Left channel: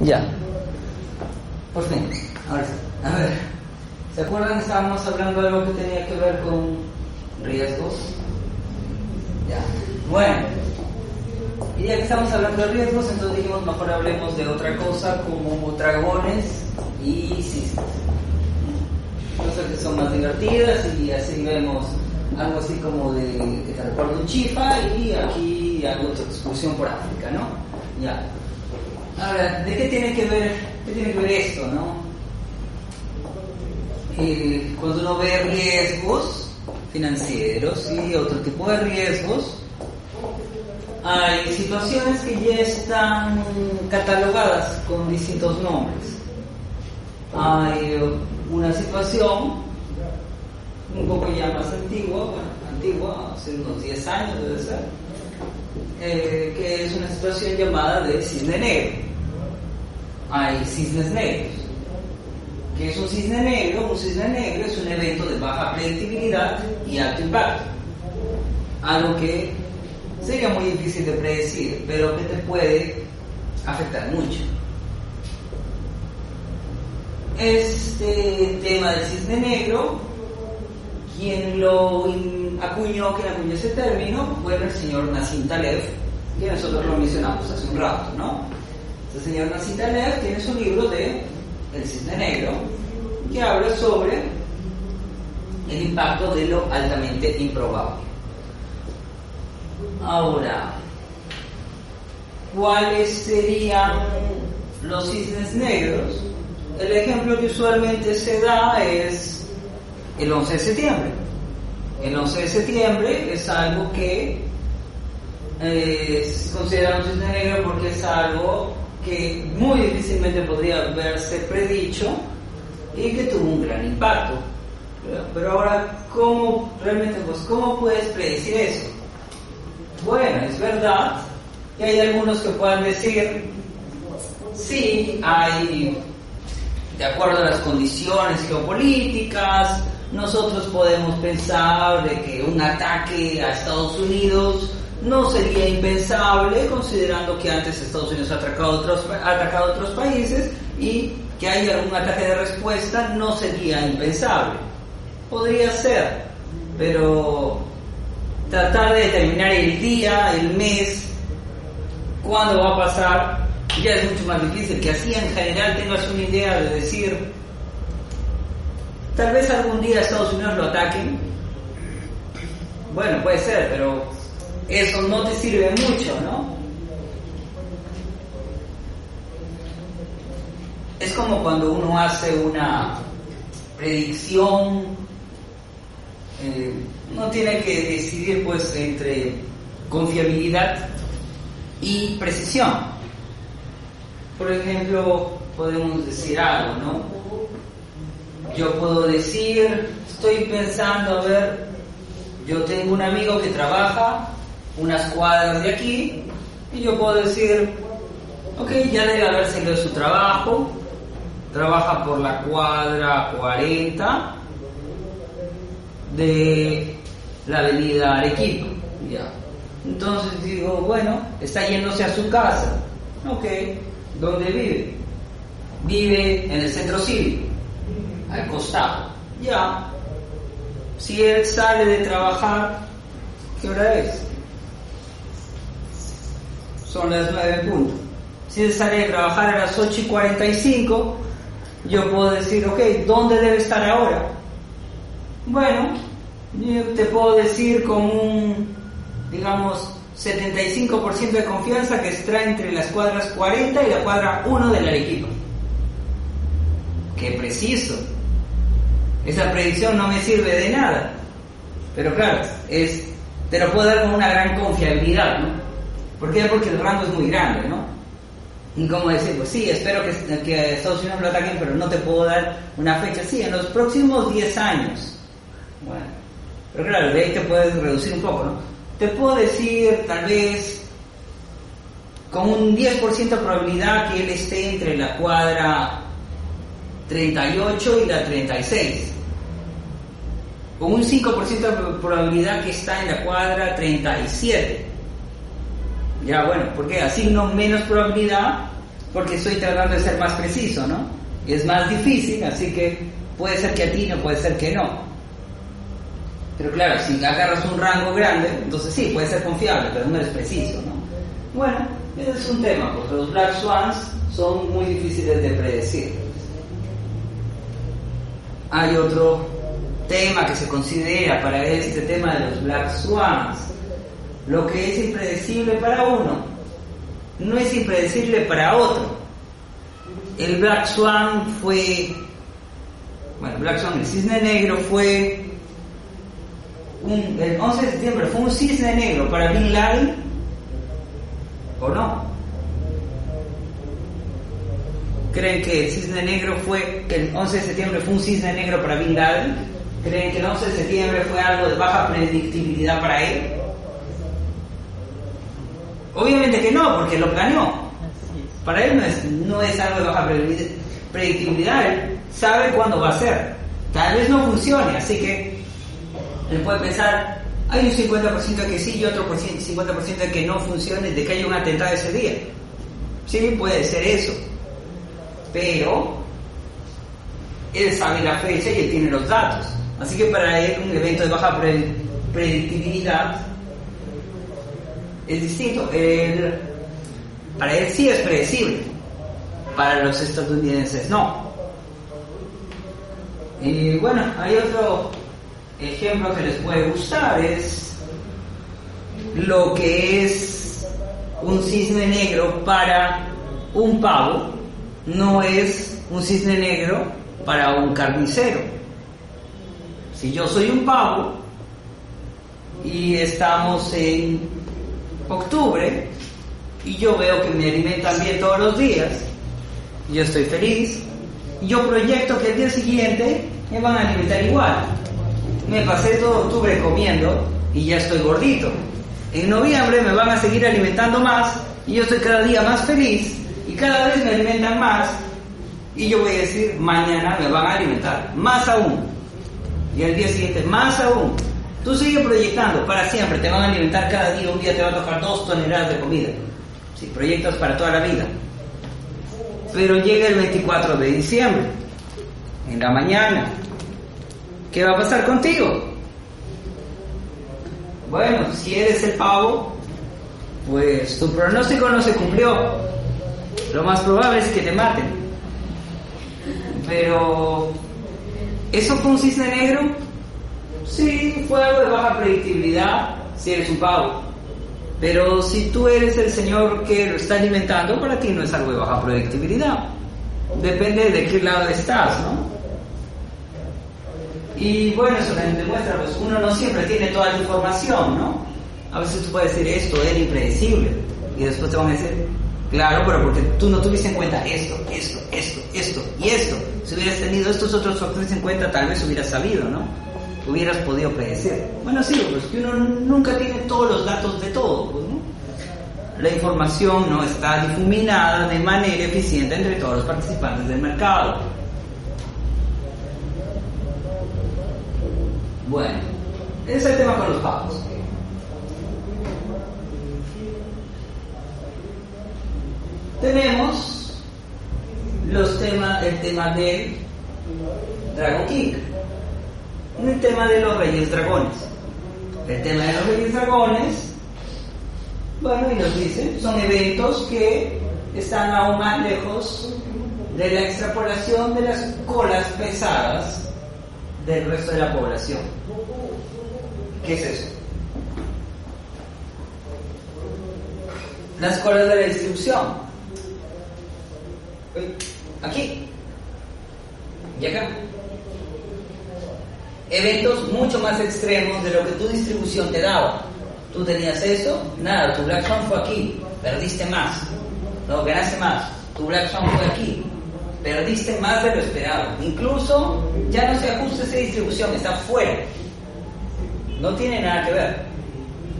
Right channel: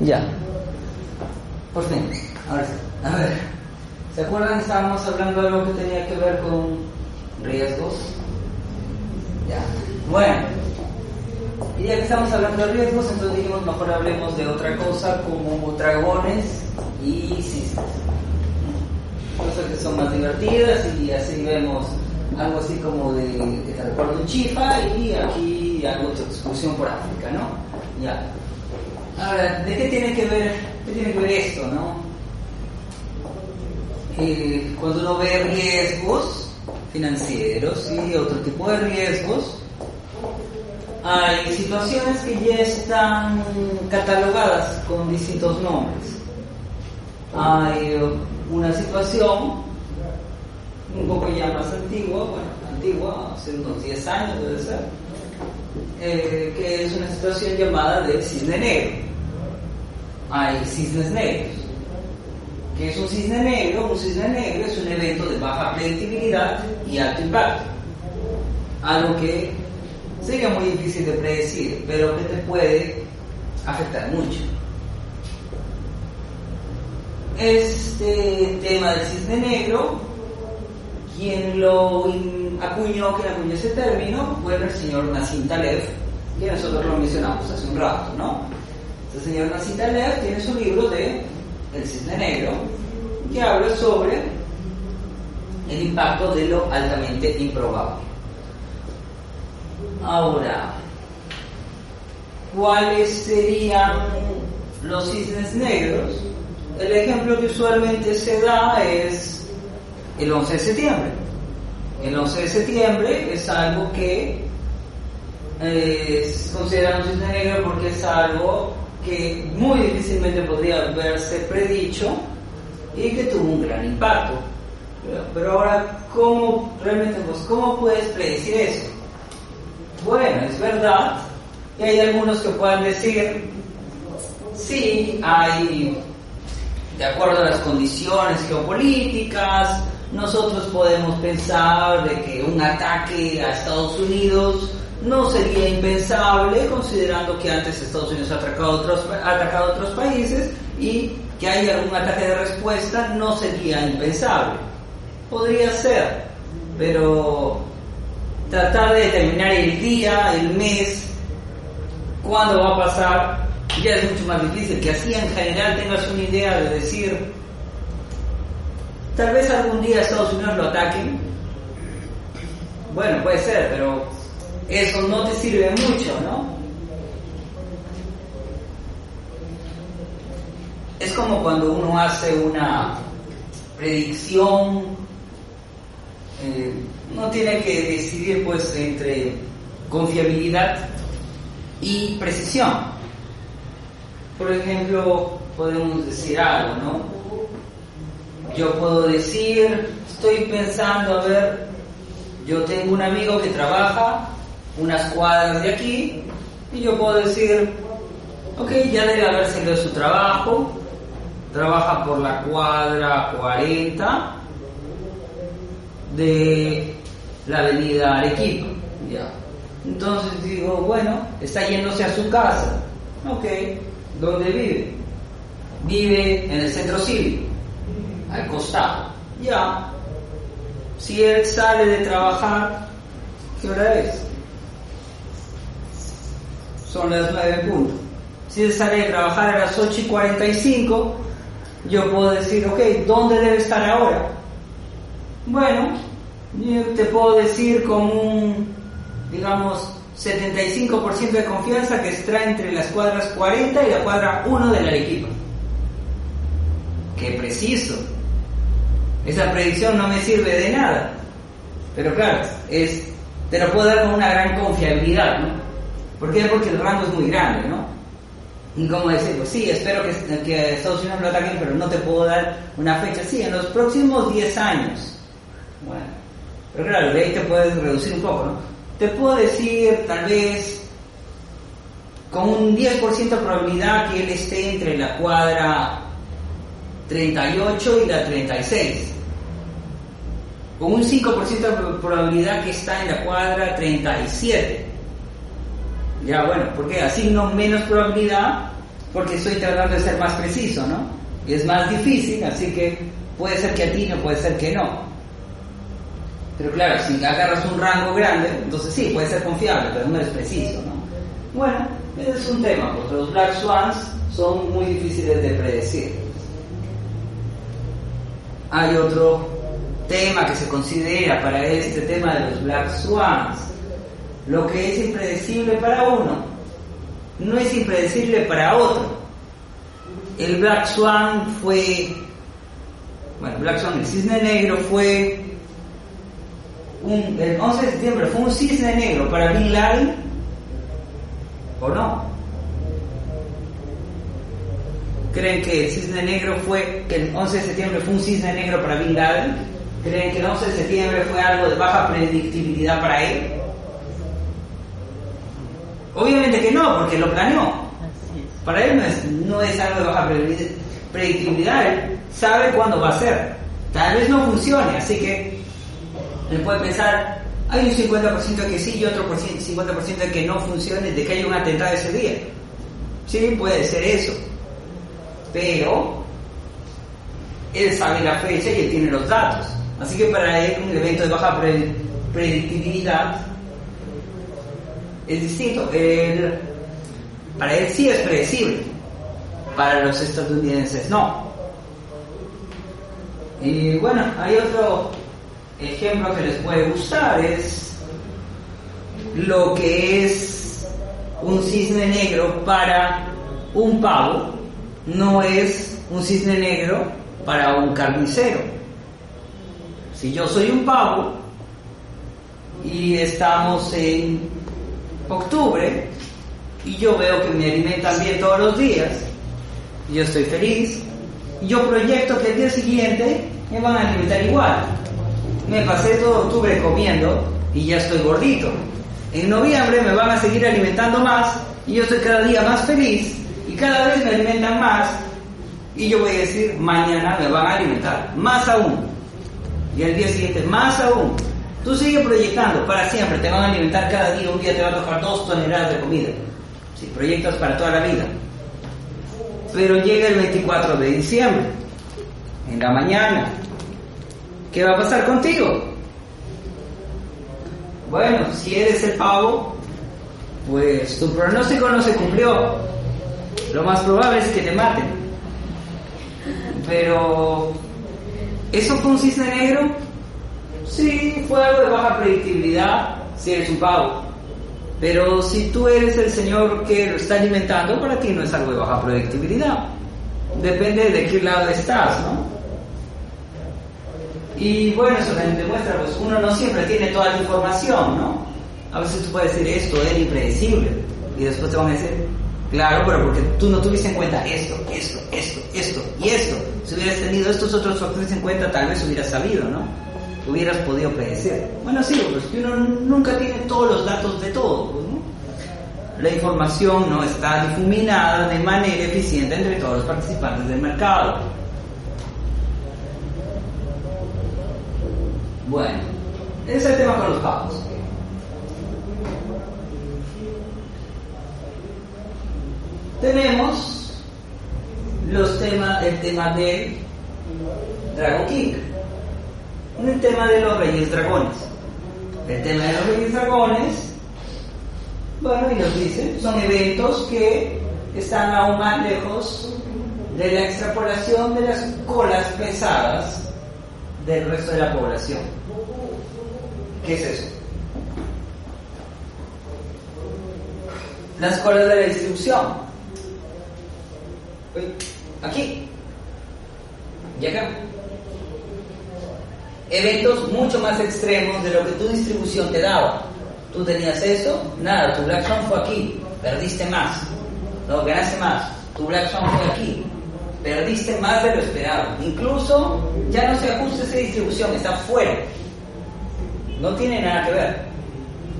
Ya. Por fin. Ahora sí. A ver. ¿Se acuerdan? Estábamos hablando de algo que tenía que ver con riesgos. Ya. Bueno. Y ya que estamos hablando de riesgos, entonces dijimos mejor hablemos de otra cosa como dragones y cisnes. Cosas que son más divertidas y así vemos algo así como de que te recuerda un chifa y aquí algo de excursión por África, ¿no? Ya. Ahora, ¿de qué tiene que ver esto, no? Cuando uno ve riesgos financieros y otro tipo de riesgos, hay situaciones que ya están catalogadas con distintos nombres. Hay una situación un poco ya más antigua, hace unos 10 años debe ser, que es una situación llamada de cisne negro. Hay cisnes negros. ¿Qué es un cisne negro? Un cisne negro es un evento de baja predictibilidad y alto impacto. Algo que sería muy difícil de predecir, pero que te puede afectar mucho. Este tema del cisne negro, quien acuñó ese término fue el señor Nassim Taleb, que nosotros lo mencionamos hace un rato, ¿no? El señor Nassim Taleb tiene su libro de El cisne negro, que habla sobre el impacto de lo altamente improbable. Ahora, ¿cuáles serían los cisnes negros? El ejemplo que usualmente se da es el 11 de septiembre. El 11 de septiembre es algo que es considerado un cisne negro porque es algo que muy difícilmente podría haberse predicho y que tuvo un gran impacto. Pero ahora, ¿cómo puedes predecir eso? Bueno, es verdad que hay algunos que puedan decir, sí, de acuerdo a las condiciones geopolíticas, nosotros podemos pensar de que un ataque a Estados Unidos no sería impensable, considerando que antes Estados Unidos ha atacado a otros países y que haya algún ataque de respuesta no sería impensable. Podría ser, pero tratar de determinar el día, el mes, cuándo va a pasar, ya es mucho más difícil. Que así en general tengas una idea de decir, tal vez algún día Estados Unidos lo ataquen. Bueno, puede ser, pero eso no te sirve mucho, ¿no? Es como cuando uno hace una predicción, uno tiene que decidir pues entre confiabilidad y precisión. Por ejemplo, podemos decir algo, ¿no? Yo puedo decir, estoy pensando, yo tengo un amigo que trabaja unas cuadras de aquí, y yo puedo decir, ok, ya debe haber salido de su trabajo, trabaja por la cuadra 40 de la avenida Arequipa, ya. Entonces digo, bueno, está yéndose a su casa, ok, ¿dónde vive? Vive en el centro cívico, al costado, ya. Si él sale de trabajar, ¿qué hora es? Son las 9:00. Si él sale de trabajar a las 8:45, yo puedo decir, ok, ¿dónde debe estar ahora? Bueno, yo te puedo decir con un, digamos, 75% de confianza que está entre las cuadras 40 y la cuadra 1 de la Arequipa. ¡Qué preciso! Esa predicción no me sirve de nada, pero claro, te lo puedo dar con una gran confiabilidad, ¿no? ¿Por qué? Porque el rango es muy grande, ¿no? Y como decir, pues sí, espero que Estados Unidos lo ataquen, pero no te puedo dar una fecha. Sí, en los próximos 10 años. Bueno, pero claro, de ahí te puedes reducir un poco, ¿no? Te puedo decir, tal vez, con un 10% de probabilidad que él esté entre la cuadra 38 y la 36. Con un 5% de probabilidad que está en la cuadra 37. Ya, bueno, porque asigno menos probabilidad porque estoy tratando de ser más preciso, ¿no? Y es más difícil, así que puede ser que atine o puede ser que no. Pero claro, si agarras un rango grande, entonces sí, puede ser confiable, pero no eres preciso, ¿no? Bueno, ese es un tema, porque los Black Swans son muy difíciles de predecir. Hay otro tema que se considera para este tema de los Black Swans. Lo que es impredecible para uno no es impredecible para otro. El Black Swan fue... Bueno, Black Swan, el cisne negro fue... el 11 de septiembre fue un cisne negro para Bin Laden, ¿o no? ¿Creen que el cisne negro fue... que el 11 de septiembre fue un cisne negro para Bin Laden? ¿Creen que el 11 de septiembre fue algo de baja predictibilidad para él? Obviamente que no, porque lo planeó. Para él no es algo de baja predictibilidad. Él sabe cuándo va a ser. Tal vez no funcione, así que él puede pensar, hay un 50% de que sí y otro 50% de que no funcione, de que haya un atentado ese día. Sí, puede ser eso. Pero él sabe la fecha y él tiene los datos. Así que para él un evento de baja predictibilidad es distinto. Para él sí es predecible, para los estadounidenses no. Y bueno, hay otro ejemplo que les puede gustar, es lo que es un cisne negro para un pavo, no es un cisne negro para un carnicero. Si yo soy un pavo y estamos en octubre y yo veo que me alimentan bien todos los días, yo estoy feliz, y yo proyecto que el día siguiente me van a alimentar igual. Me pasé todo octubre comiendo y ya estoy gordito. En noviembre me van a seguir alimentando más y yo estoy cada día más feliz y cada vez me alimentan más, y yo voy a decir, mañana me van a alimentar más aún, y el día siguiente más aún. Tú sigues proyectando para siempre, te van a alimentar cada día, un día te va a tocar 2 toneladas de comida. Si proyectas para toda la vida. Pero llega el 24 de diciembre, en la mañana, ¿qué va a pasar contigo? Bueno, si eres el pavo, pues tu pronóstico no se cumplió. Lo más probable es que te maten. Pero ¿eso fue un cisne negro? Sí, fue algo de baja predictibilidad si eres un pavo. Pero si tú eres el señor que lo está alimentando, para ti no es algo de baja predictibilidad. Depende de qué lado estás, ¿no? Y bueno, eso también demuestra, pues uno no siempre tiene toda la información, ¿no? A veces tú puedes decir, esto era impredecible, y después te van a decir, claro, pero porque tú no tuviste en cuenta esto y esto. Si hubieras tenido estos otros factores en cuenta, tal vez hubieras sabido, ¿no? Hubieras podido predecir. Bueno, sí, pues que uno nunca tiene todos los datos de todo, pues, ¿no? La información no está difuminada de manera eficiente entre todos los participantes del mercado. Bueno, ese es el tema con los pavos. Tenemos el tema del Dragon King, el tema de los Reyes Dragones. El tema de los Reyes Dragones, bueno, y nos dicen, son eventos que están aún más lejos de la extrapolación de las colas pesadas del resto de la población. ¿Qué es eso? Las colas de la distribución. Aquí y acá. Eventos mucho más extremos de lo que tu distribución te daba. Tú tenías eso, nada, tu Black Swan fue aquí, perdiste más. No, ganaste más, tu Black Swan fue aquí, perdiste más de lo esperado. Incluso ya no se ajusta esa distribución, está fuera. No tiene nada que ver.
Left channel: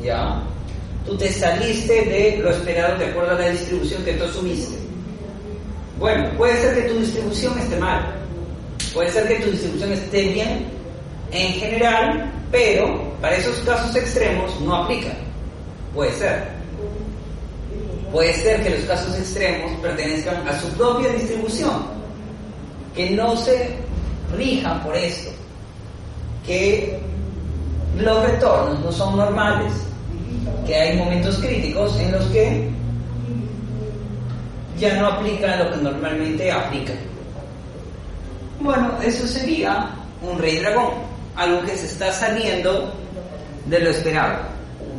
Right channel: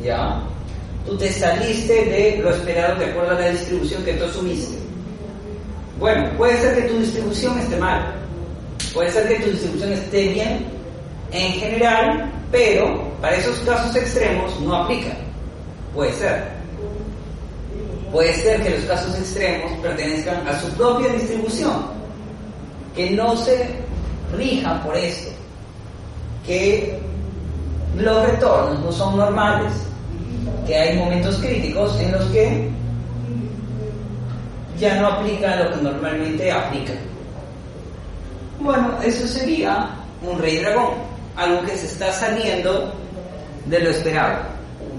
¿Ya? Tú te saliste de lo esperado de acuerdo a la distribución que tú asumiste. Bueno, puede ser que tu distribución esté mal, puede ser que tu distribución esté bien en general, pero para esos casos extremos no aplica. Puede ser. Puede ser que los casos extremos pertenezcan a su propia distribución, que no se rijan por esto, que los retornos no son normales, que hay momentos críticos en los que ya no aplica lo que normalmente aplica. Bueno, eso sería un rey dragón, algo que se está saliendo de lo esperado,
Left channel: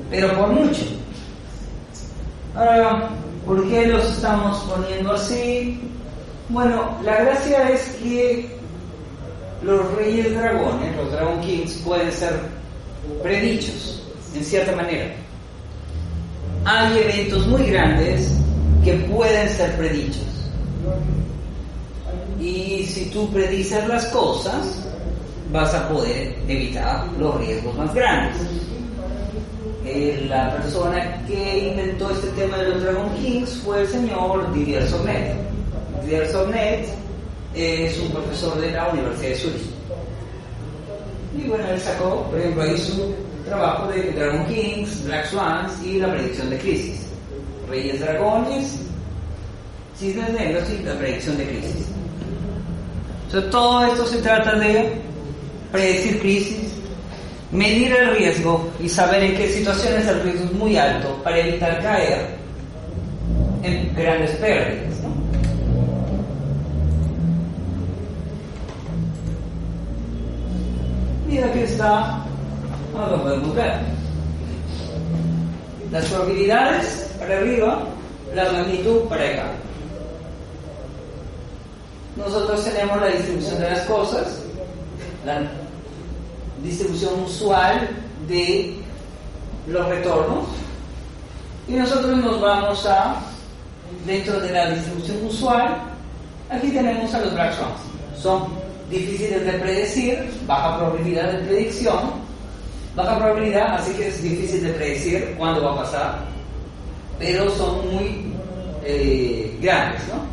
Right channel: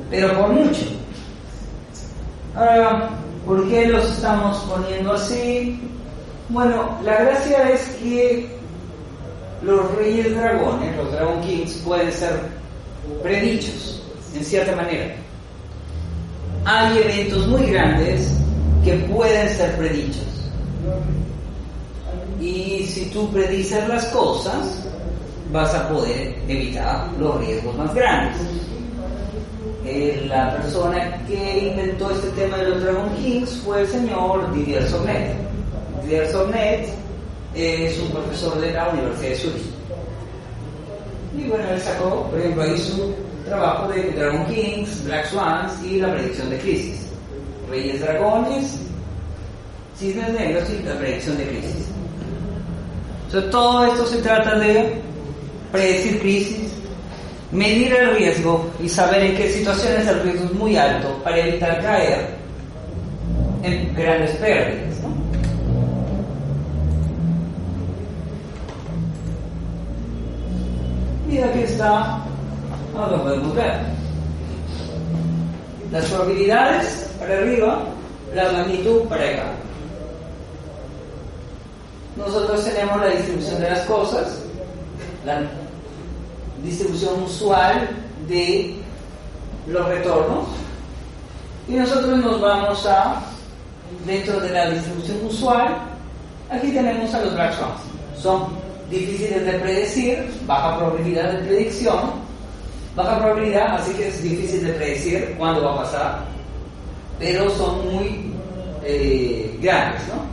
pero por mucho. Ahora, ¿por qué los estamos poniendo así? Bueno, la gracia es que los reyes dragones, los Dragon Kings, pueden ser predichos, en cierta manera. Hay eventos muy grandes que pueden ser predichos. Y si tú predices las cosas, vas a poder evitar los riesgos más grandes. La persona que inventó este tema de los Dragon Kings fue el señor Didier Sornet. Didier Sornet es un profesor de la Universidad de Zurich. Y bueno, él sacó, por ejemplo, ahí su trabajo de Dragon Kings, Black Swans y la predicción de crisis. Reyes dragones, cisnes negros y la predicción de crisis. O sea, todo esto se trata de predecir crisis, medir el riesgo y saber en qué situaciones el riesgo es muy alto para evitar caer en grandes pérdidas, ¿no? Y aquí está, lo podemos ver. Las probabilidades para arriba, la magnitud para acá. Nosotros tenemos la distribución de las cosas, la distribución usual de los retornos, y nosotros nos vamos a, dentro de la distribución usual, aquí tenemos a los Black Swans. Son difíciles de predecir, baja probabilidad de predicción, baja probabilidad, así que es difícil de predecir cuándo va a pasar, pero son muy grandes, ¿no?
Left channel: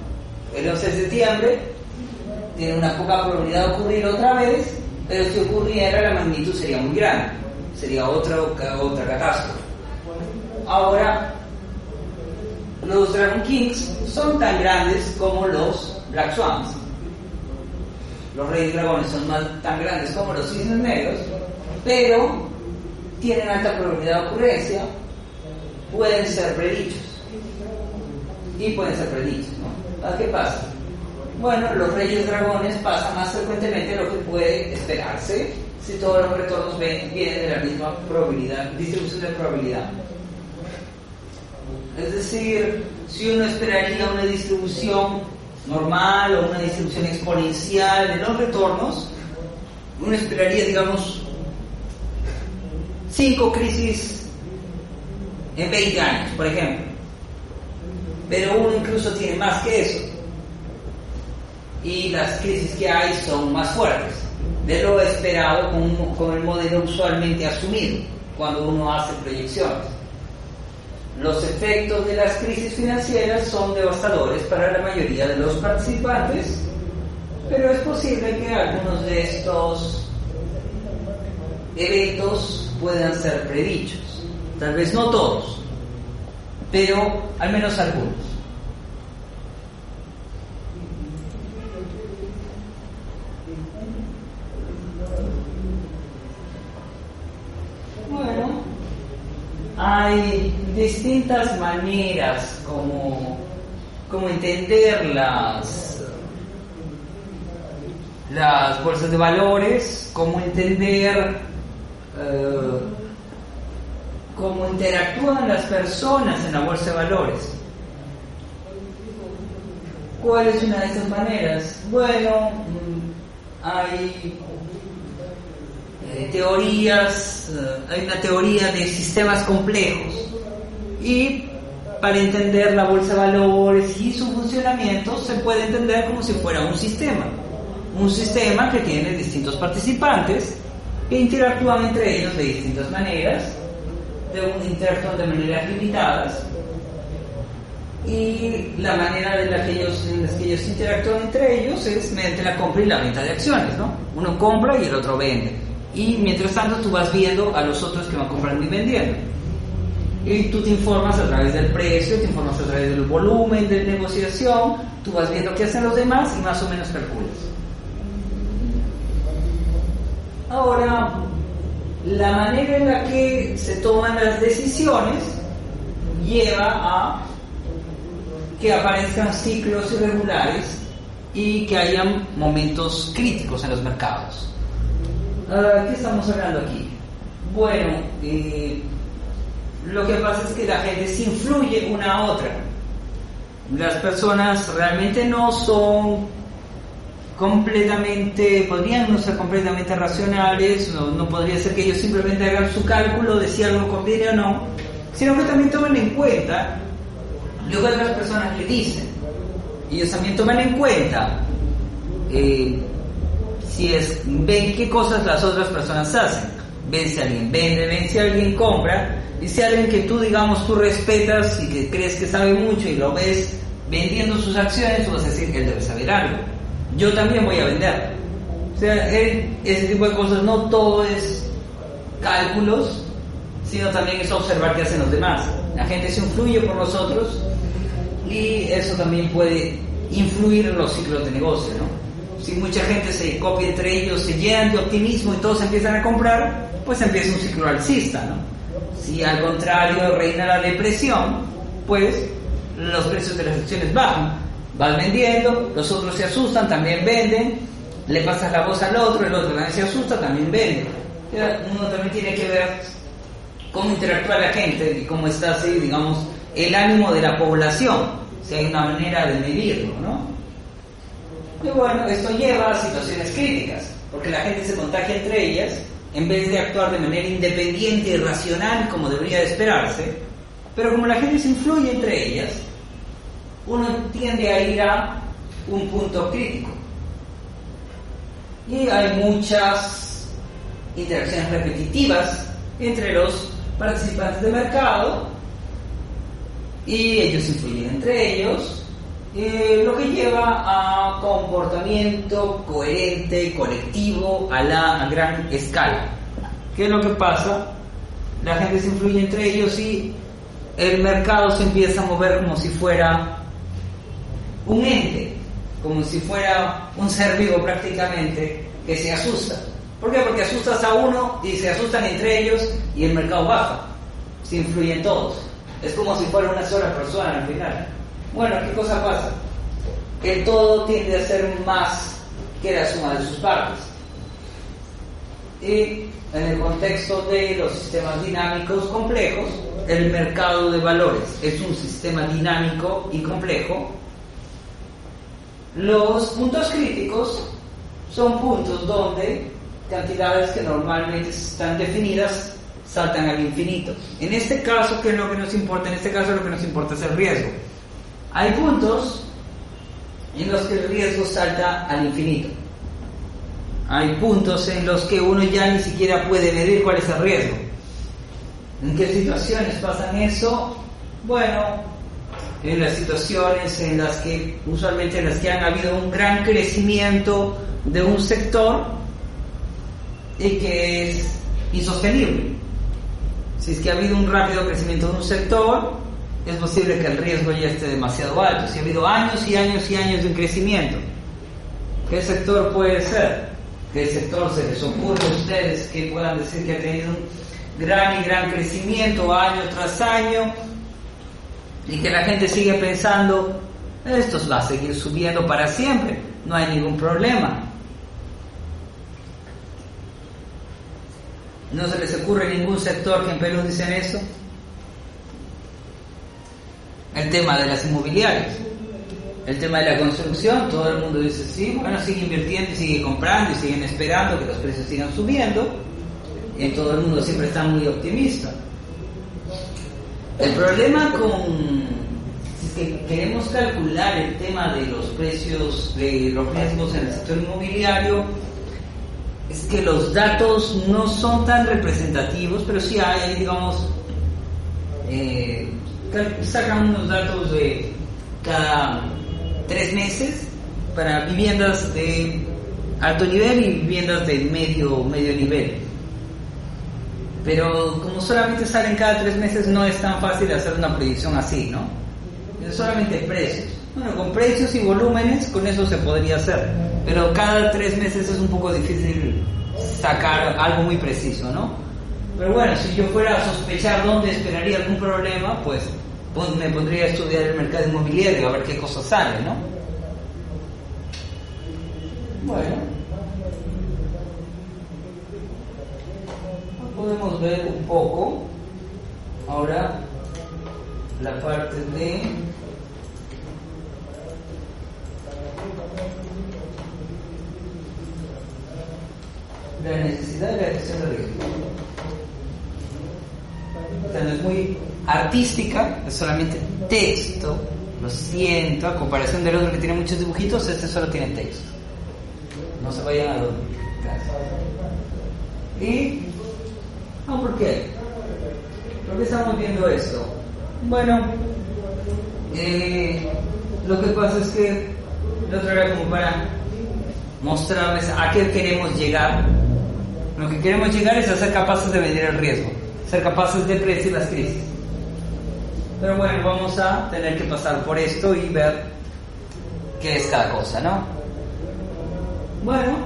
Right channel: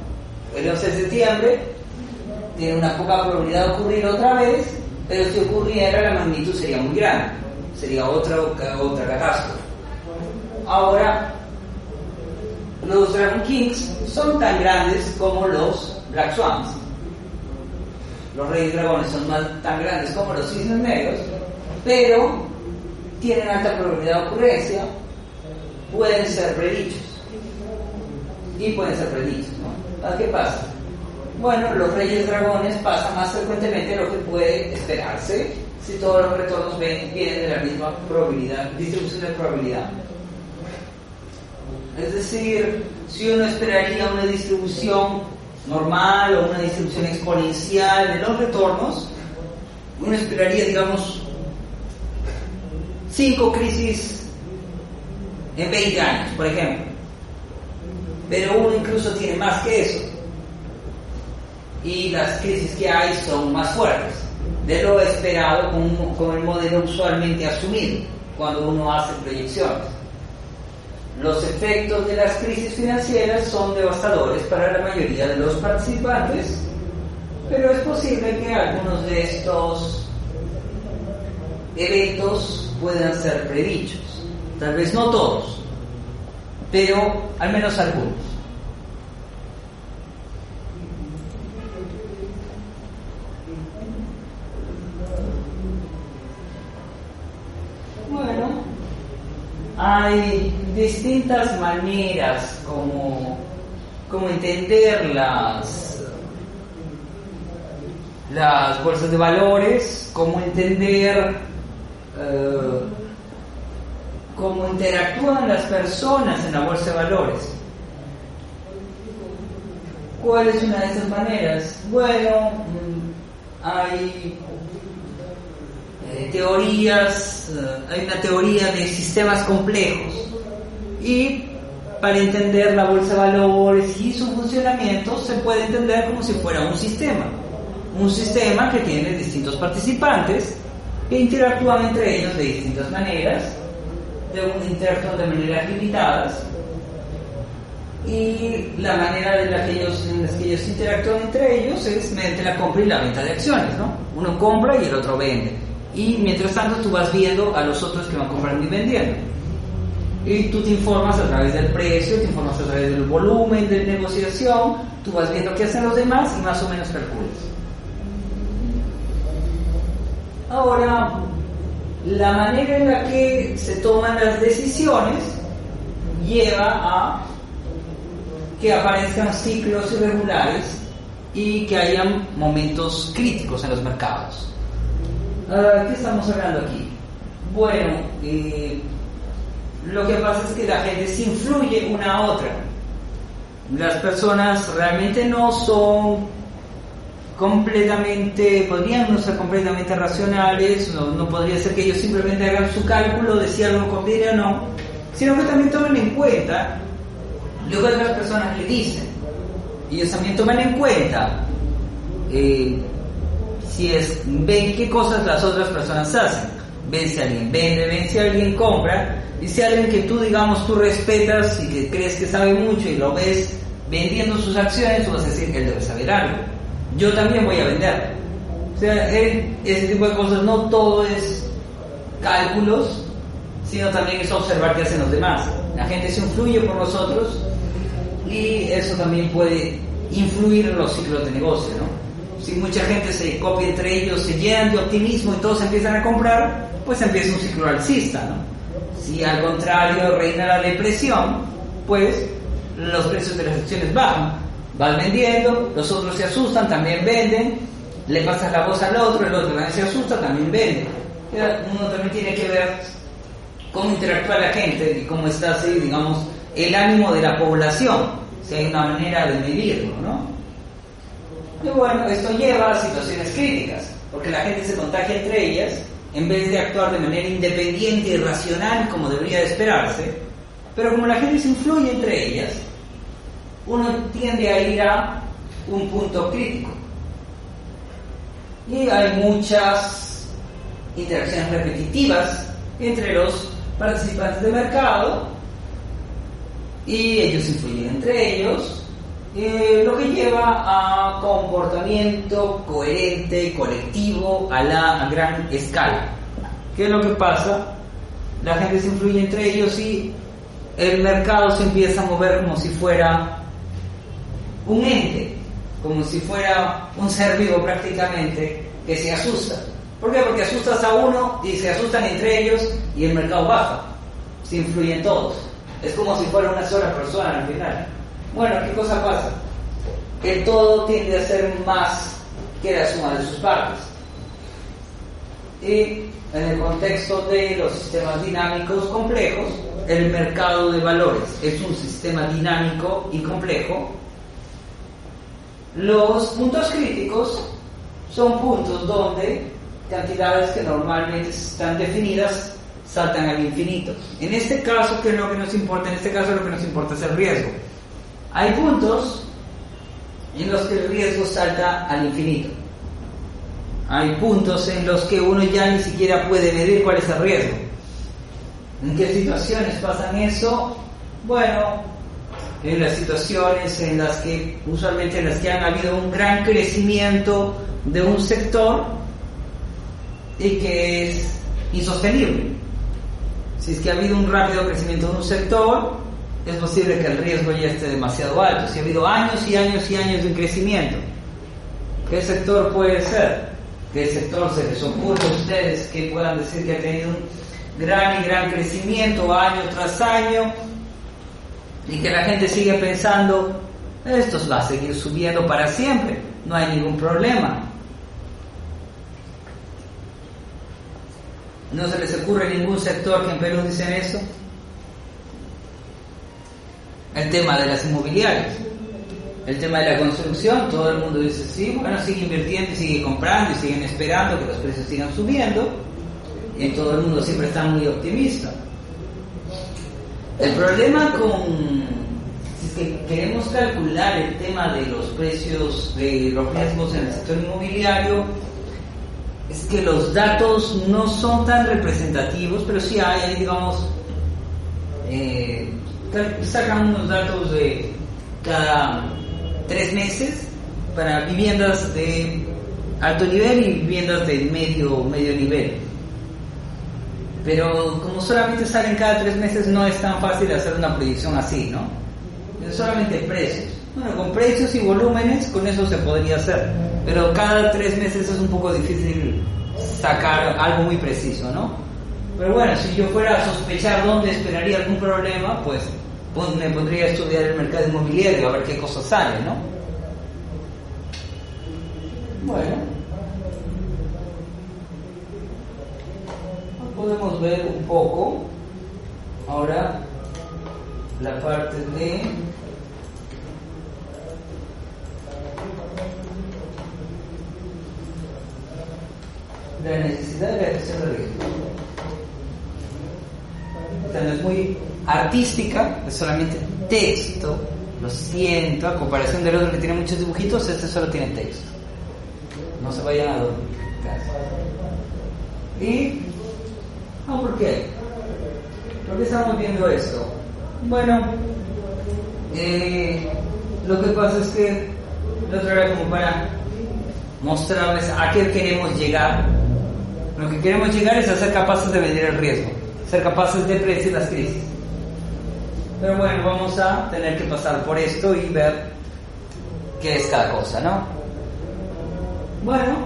El 11 de septiembre tiene una poca probabilidad de ocurrir otra vez, pero si ocurriera la magnitud sería muy grande, sería otra catástrofe. Ahora, los Dragon Kings son tan grandes como los Black Swans. Los reyes dragones son tan grandes como los cisnes negros, pero tienen alta probabilidad de ocurrencia, pueden ser predichos. Y pueden ser predichos, ¿no? ¿Qué pasa? Bueno, los reyes dragones pasan más frecuentemente de lo que puede esperarse si todos los retornos vienen de la misma probabilidad, distribución de probabilidad. Es decir, si uno esperaría una distribución normal o una distribución exponencial de los retornos, uno esperaría, digamos, 5 crisis en 20 años, por ejemplo. Pero uno incluso tiene más que eso. Y las crisis que hay son más fuertes de lo esperado con el modelo usualmente asumido cuando uno hace proyecciones. Los efectos de las crisis financieras son devastadores para la mayoría de los participantes, pero es posible que algunos de estos eventos puedan ser predichos. Tal vez no todos, pero al menos algunos. Bueno, hay distintas maneras como entender las bolsas de valores, cómo entender cómo interactúan las personas en la bolsa de valores. ¿Cuál es una de esas maneras? Bueno, hay teorías, hay una teoría de sistemas complejos, y para entender la bolsa de valores y su funcionamiento se puede entender como si fuera un sistema que tiene distintos participantes que interactúan entre ellos de distintas maneras, interactúan de maneras limitadas, y la manera en la que ellos interactúan entre ellos es mediante la compra y la venta de acciones, ¿no? Uno compra y el otro vende, y mientras tanto tú vas viendo a los otros que van comprando y vendiendo. Y tú te informas a través del precio, te informas a través del volumen de negociación, tú vas viendo qué hacen los demás y más o menos calculas. Ahora, la manera en la que se toman las decisiones lleva a que aparezcan ciclos irregulares y que hayan momentos críticos en los mercados. ¿Qué estamos hablando aquí? Bueno, lo que pasa es que la gente se influye una a otra. Las personas realmente no son completamente, podrían no ser completamente racionales, no podría ser que ellos simplemente hagan su cálculo de si algo conviene o no, sino que también toman en cuenta lo que otras personas le dicen. Ellos también toman en cuenta ven qué cosas las otras personas hacen, ven si alguien vende, ven si alguien compra, y si alguien que tú, digamos, tú respetas y que crees que sabe mucho y lo ves vendiendo sus acciones, tú vas a decir que él debe saber algo. Yo también voy a vender. O sea, ese tipo de cosas, no todo es cálculos, sino también es observar qué hacen los demás. La gente se influye por los otros y eso también puede influir en los ciclos de negocio, ¿no? Si mucha gente se copia entre ellos, se llenan de optimismo y todos empiezan a comprar, pues empieza un ciclo alcista, ¿no? Si al contrario reina la depresión, pues los precios de las acciones bajan. Vas vendiendo, los otros se asustan, también venden, le pasas la voz al otro, el otro también se asusta, también vende. Uno también tiene que ver cómo interactúa la gente y cómo está así, digamos, el ánimo de la población, si hay una manera de medirlo, ¿no? Y bueno, esto lleva a situaciones críticas, porque la gente se contagia entre ellas, en vez de actuar de manera independiente y racional como debería de esperarse, pero como la gente se influye entre ellas, uno tiende a ir a un punto crítico. Y hay muchas interacciones repetitivas entre los participantes del mercado y ellos influyen entre ellos, lo que lleva a comportamiento coherente, colectivo, a gran escala. ¿Qué es lo que pasa? La gente se influye entre ellos y el mercado se empieza a mover como si fuera un ente, como si fuera un ser vivo prácticamente, que se asusta. ¿Por qué? Porque asustas a uno y se asustan entre ellos y el mercado baja, se influyen todos. Es como si fuera una sola persona al final. Bueno, ¿qué cosa pasa? Que el todo tiende a ser más que la suma de sus partes. Y en el contexto de los sistemas dinámicos complejos, el mercado de valores es un sistema dinámico y complejo. Los puntos críticos son puntos donde cantidades que normalmente están definidas saltan al infinito. En este caso, ¿qué es lo que nos importa? En este caso lo que nos importa es el riesgo. Hay puntos en los que el riesgo salta al infinito. Hay puntos en los que uno ya ni siquiera puede medir cuál es el riesgo. ¿En qué situaciones pasan eso? Bueno, en las situaciones en las que, usualmente en las que han habido un gran crecimiento de un sector y que es insostenible. Si es que ha habido un rápido crecimiento de un sector, es posible que el riesgo ya esté demasiado alto. Si ha habido años y años y años de un crecimiento, ¿qué sector puede ser? ¿Qué sector se les ocurre a ustedes que puedan decir que ha tenido un gran crecimiento año tras año y que la gente sigue pensando, esto va a seguir subiendo para siempre, no hay ningún problema? ¿No se les ocurre ningún sector que en Perú dicen eso? El tema de las inmobiliarias, el tema de la construcción, todo el mundo dice sí, bueno, sigue invirtiendo y sigue comprando y siguen esperando que los precios sigan subiendo, y todo el mundo siempre está muy optimista. El problema si es que queremos calcular el tema de los precios, de los riesgos en el sector inmobiliario, es que los datos no son tan representativos, pero sí hay, digamos, sacan unos datos de cada 3 meses para viviendas de alto nivel y viviendas de medio nivel. Pero como solamente salen cada 3 meses, no es tan fácil hacer una proyección así, ¿no? Es solamente precios. Bueno, con precios y volúmenes, con eso se podría hacer. Pero cada 3 meses es un poco difícil sacar algo muy preciso, ¿no? Pero bueno, si yo fuera a sospechar dónde esperaría algún problema, pues me pondría a estudiar el mercado inmobiliario, a ver qué cosas salen, ¿no? Bueno, podemos ver un poco ahora la parte de la necesidad de la gestión de riesgo. O sea, no es muy artística, es solamente texto. Lo siento, a comparación del otro que tiene muchos dibujitos, este solo tiene texto. No se vayan a dormir. ¿Y por qué? ¿Por qué estamos viendo esto? Bueno, lo que pasa es que la otra era como para mostrarles a qué queremos llegar. Lo que queremos llegar es a ser capaces de medir el riesgo, ser capaces de predecir las crisis. Pero bueno, vamos a tener que pasar por esto y ver qué es cada cosa, ¿no? Bueno,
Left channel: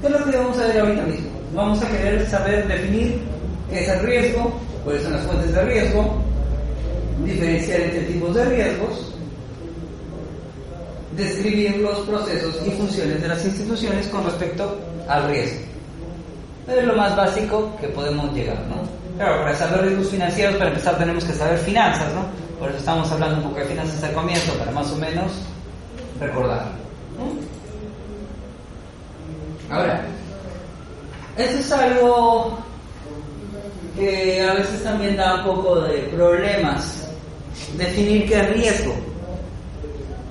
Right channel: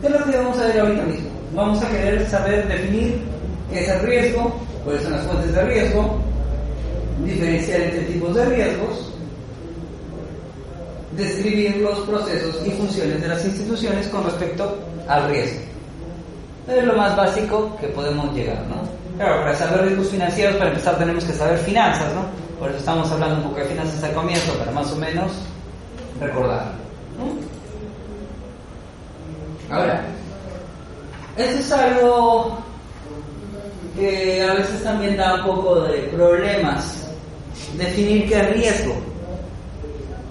¿qué es lo que vamos a ver ahorita mismo? Vamos a querer saber definir qué es el riesgo, cuáles son las fuentes de riesgo, diferenciar entre tipos de riesgos, describir los procesos y funciones de las instituciones con respecto al riesgo. Es lo más básico que podemos llegar, ¿no? Claro, para saber riesgos financieros, para empezar tenemos que saber finanzas, ¿no? Por eso estamos hablando un poco de finanzas al comienzo, para más o menos recordar, ¿no? Ahora, eso es algo que a veces también da un poco de problemas, definir qué es riesgo.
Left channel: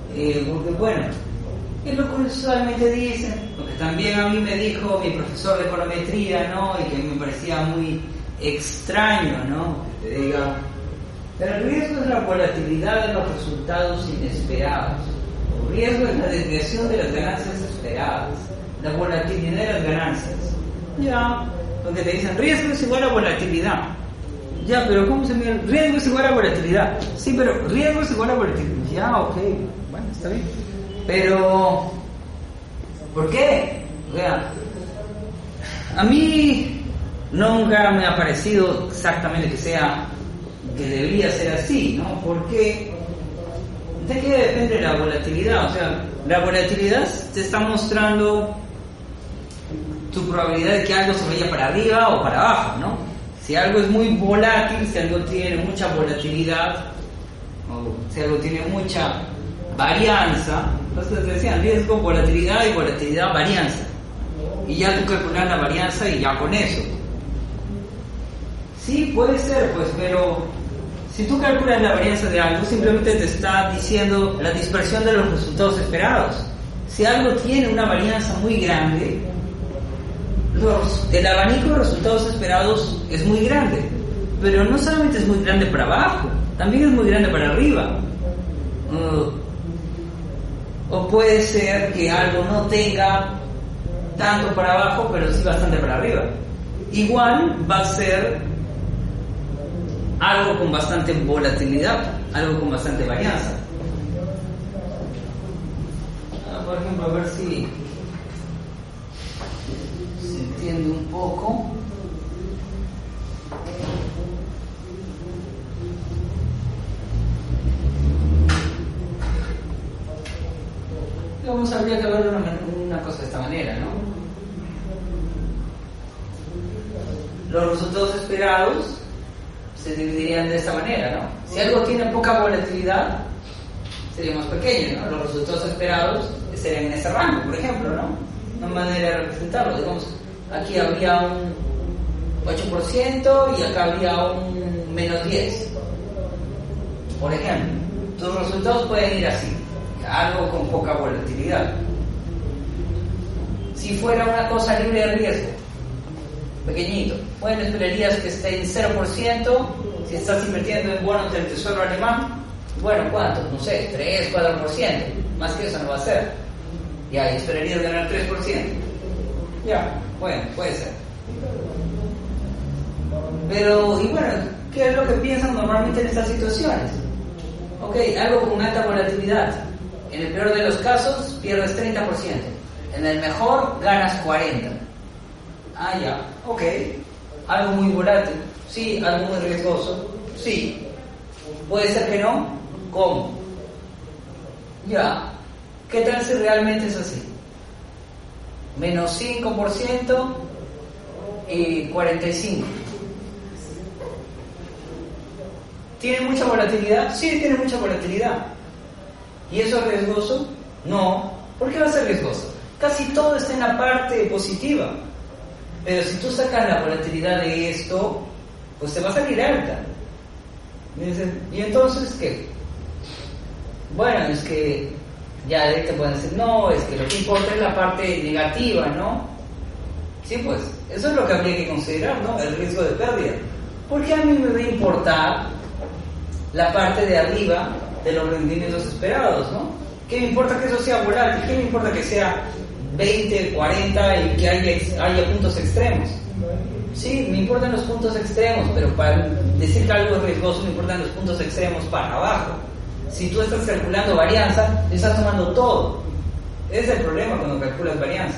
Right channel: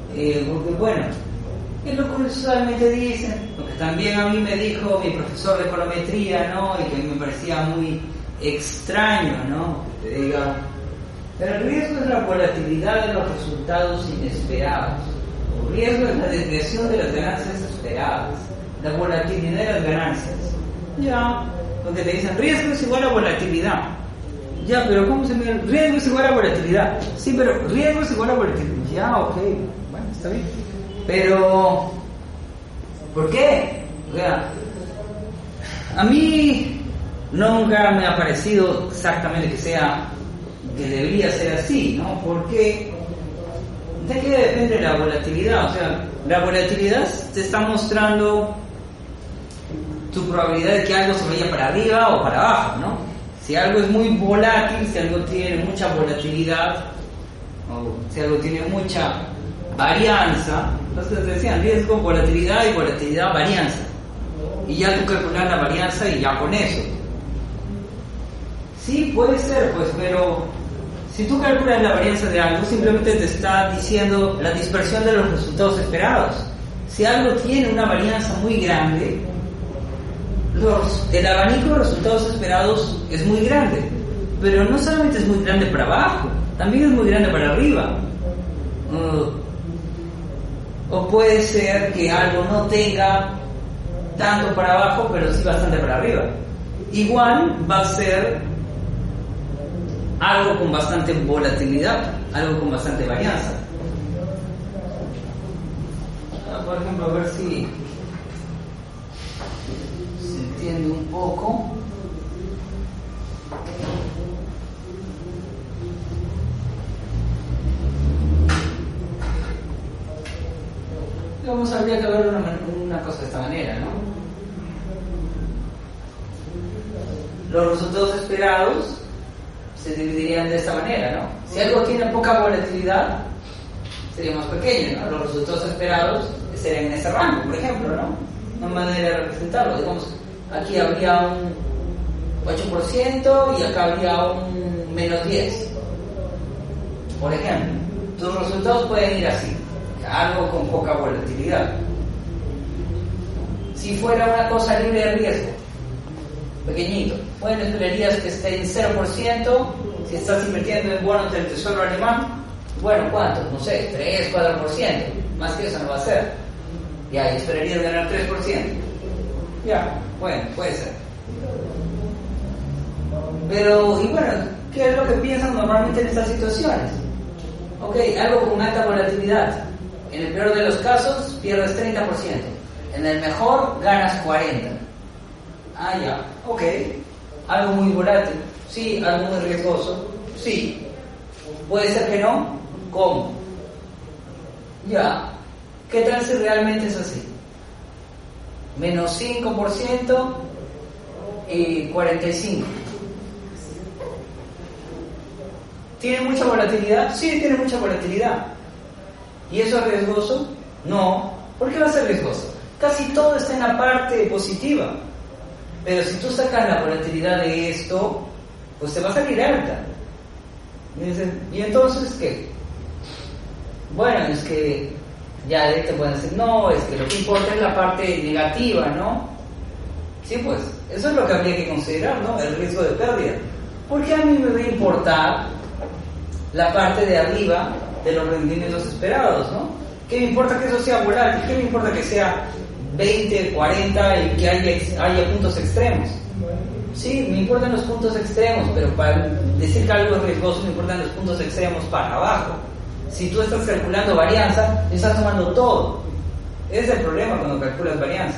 Porque bueno, es lo que usualmente dicen, lo que también a mí me dijo mi profesor de econometría, ¿no? Y que me parecía muy extraño, ¿no? Que te diga, el riesgo es la volatilidad de los resultados inesperados. El riesgo es la desviación de las ganancias esperadas, la volatilidad de las ganancias. Ya, porque te dicen riesgo es igual a volatilidad. Ya, pero ¿cómo se mide? Riesgo es igual a volatilidad. Sí, pero riesgo es igual a volatilidad. Ya, ok, bueno, está bien. Pero, ¿por qué? O sea, a mí nunca me ha parecido exactamente que debería ser así, ¿no? Porque ¿de qué depende la volatilidad? O sea, la volatilidad te está mostrando tu probabilidad de que algo se vaya para arriba o para abajo, ¿no? Si algo es muy volátil, si algo tiene mucha volatilidad, o si algo tiene mucha varianza, entonces decían riesgo, volatilidad y volatilidad, varianza. Y ya tú calculas la varianza y ya con eso. Sí, puede ser, pues, pero si tú calculas la varianza de algo, simplemente te está diciendo la dispersión de los resultados esperados. Si algo tiene una varianza muy grande, el abanico de resultados esperados es muy grande, pero no solamente es muy grande para abajo, también es muy grande para arriba. O puede ser que algo no tenga tanto para abajo, pero sí bastante para arriba. Igual va a ser algo con bastante volatilidad, algo con bastante varianza. Por ejemplo, a ver si se entiende un poco. Vamos, habría que ver una cosa de esta manera, ¿no? Los resultados esperados se dividirían de esta manera, ¿no? Si algo tiene poca volatilidad, sería más pequeño, ¿no? Los resultados esperados serían en ese rango, por ejemplo, ¿no? Una manera de representarlo, digamos, aquí habría un 8% y acá habría un menos 10%. Por ejemplo, tus resultados pueden ir así, algo con poca volatilidad. Si fuera una cosa libre de riesgo, pequeñito, bueno, esperarías que esté en 0%. Si estás invirtiendo en bonos del tesoro alemán, bueno, ¿cuánto? No sé, 3, 4%. Más que eso no va a ser. Ya, y esperarías ganar 3%. Ya, bueno, puede ser. Pero, y bueno, ¿qué es lo que piensan normalmente en estas situaciones? Ok, algo con alta volatilidad. En el peor de los casos, pierdes 30%. En el mejor, ganas 40%. Ah, ya, ok. Algo muy volátil. Sí, algo muy riesgoso. Sí. Puede ser que no. ¿Cómo? Ya. ¿Qué tal si realmente es así? Menos 5% y 45%. ¿Tiene mucha volatilidad? Sí, tiene mucha volatilidad. ¿Y eso es riesgoso? No. ¿Por qué va a ser riesgoso? Casi todo está en la parte positiva. Pero si tú sacas la volatilidad de esto, pues te va a salir alta. ¿Y entonces qué? Bueno, es que ya de ahí te pueden decir, no, es que lo que importa es la parte negativa, ¿no? Sí, pues, eso es lo que habría que considerar, ¿no? El riesgo de pérdida. ¿Por qué a mí me va a importar la parte de arriba de los rendimientos esperados, ¿no? ¿Qué me importa que eso sea volátil? ¿Qué me importa que sea 20, 40 y que haya puntos extremos? Sí, me importan los puntos extremos, pero para decir que algo es riesgoso me importan los puntos extremos para abajo. Si tú estás calculando varianza, estás tomando todo. Ese es el problema cuando calculas varianza.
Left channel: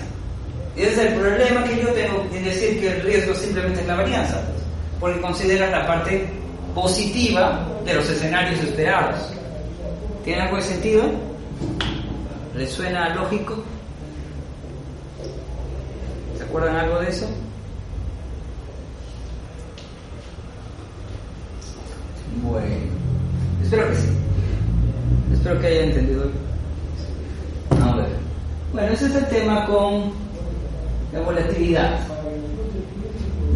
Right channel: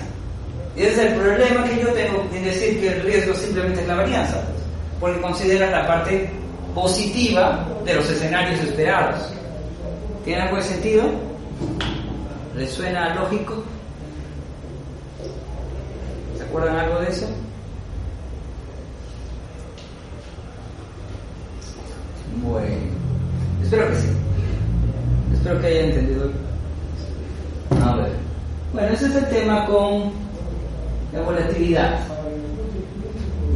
Ese es el problema que yo tengo en decir que el riesgo simplemente es la varianza, porque consideras la parte positiva de los escenarios esperados. ¿Tiene algo de sentido? ¿Les suena lógico? ¿Se acuerdan algo de eso? Bueno, espero que sí. Espero que haya entendido. A ver. Bueno, ese es el tema con la volatilidad.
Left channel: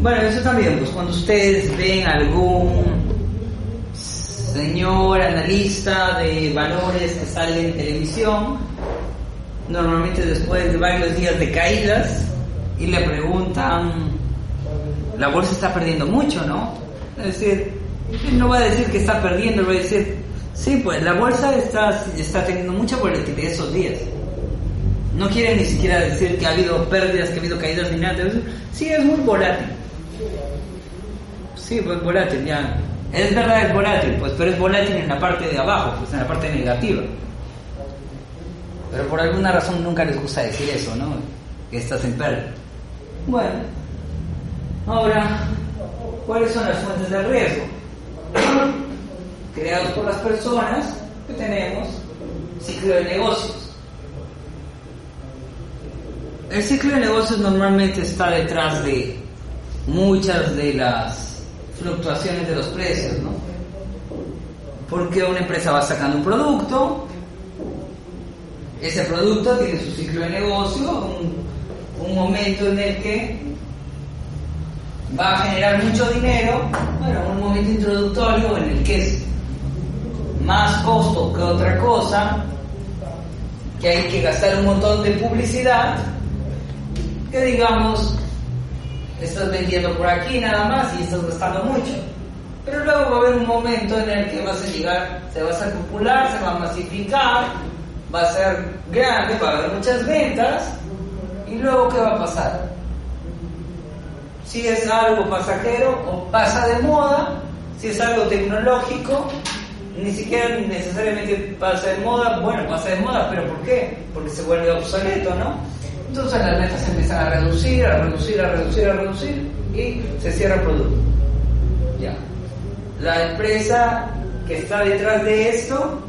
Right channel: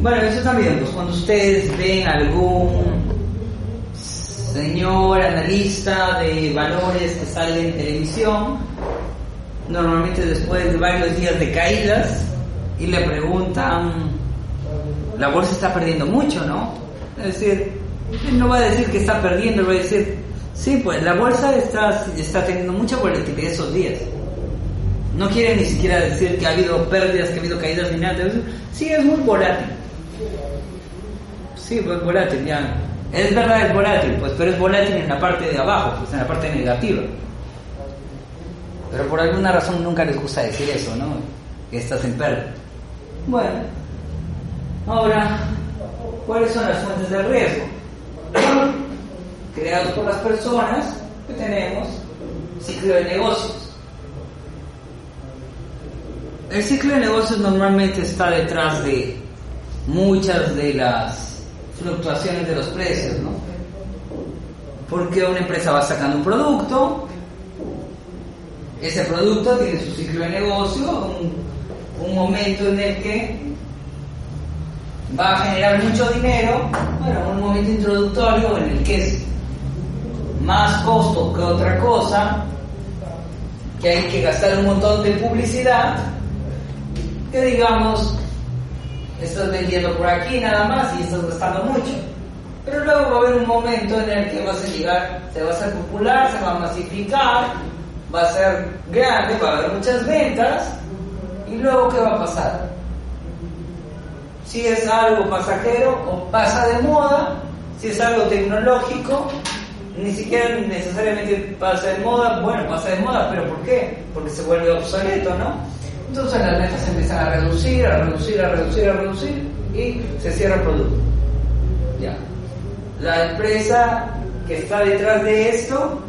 Bueno, eso también, pues cuando ustedes ven algún señor analista de valores que sale en televisión, normalmente después de varios días de caídas, y le preguntan, la bolsa está perdiendo mucho, ¿no? Es decir, él no va a decir que está perdiendo, él va a decir, sí, pues la bolsa está teniendo mucha volatilidad esos días. No quiere ni siquiera decir que ha habido pérdidas, que ha habido caídas ni nada. Sí, es muy volátil. Sí, pues volátil, ya. Es verdad, es volátil, pues, pero es volátil en la parte de abajo, pues en la parte negativa. Pero por alguna razón nunca les gusta decir eso, ¿no? Que estás en pérdida. Bueno, ahora, ¿cuáles son las fuentes del riesgo? Creados por las personas que tenemos ciclo de negocios. El ciclo de negocios normalmente está detrás de muchas de las fluctuaciones de los precios, ¿no? Porque una empresa va sacando un producto, ese producto tiene su ciclo de negocio, un momento en el que va a generar mucho dinero, bueno, un momento introductorio en el que es más costo que otra cosa, que hay que gastar un montón de publicidad, que digamos, estás vendiendo por aquí nada más y estás gastando mucho. Pero luego va a haber un momento en el que vas a llegar, se va a hacer popular, se va a masificar, va a ser grande, va a haber muchas ventas, y luego ¿qué va a pasar? Si es algo pasajero o pasa de moda, si es algo tecnológico, ni siquiera necesariamente pasa de moda, bueno, pasa de moda, pero ¿por qué? Porque se vuelve obsoleto, ¿no? Entonces las ventas se empiezan a reducir y se cierra el producto. Ya. La empresa que está detrás de esto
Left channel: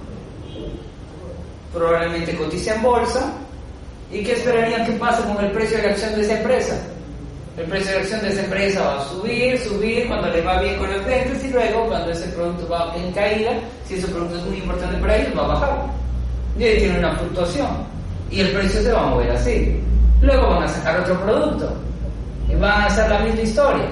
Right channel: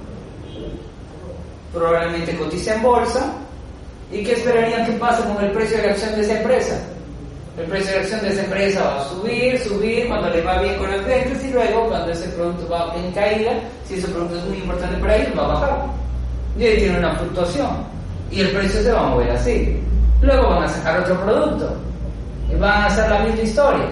probablemente cotiza en bolsa. ¿Y qué esperarían que pase con el precio de la acción de esa empresa? El precio de la acción de esa empresa va a subir cuando le va bien con las ventas, y luego cuando ese producto va en caída, si ese producto es muy importante para ellos, va a bajar. Y ahí tiene una fluctuación y el precio se va a mover así. Luego van a sacar otro producto y van a hacer la misma historia.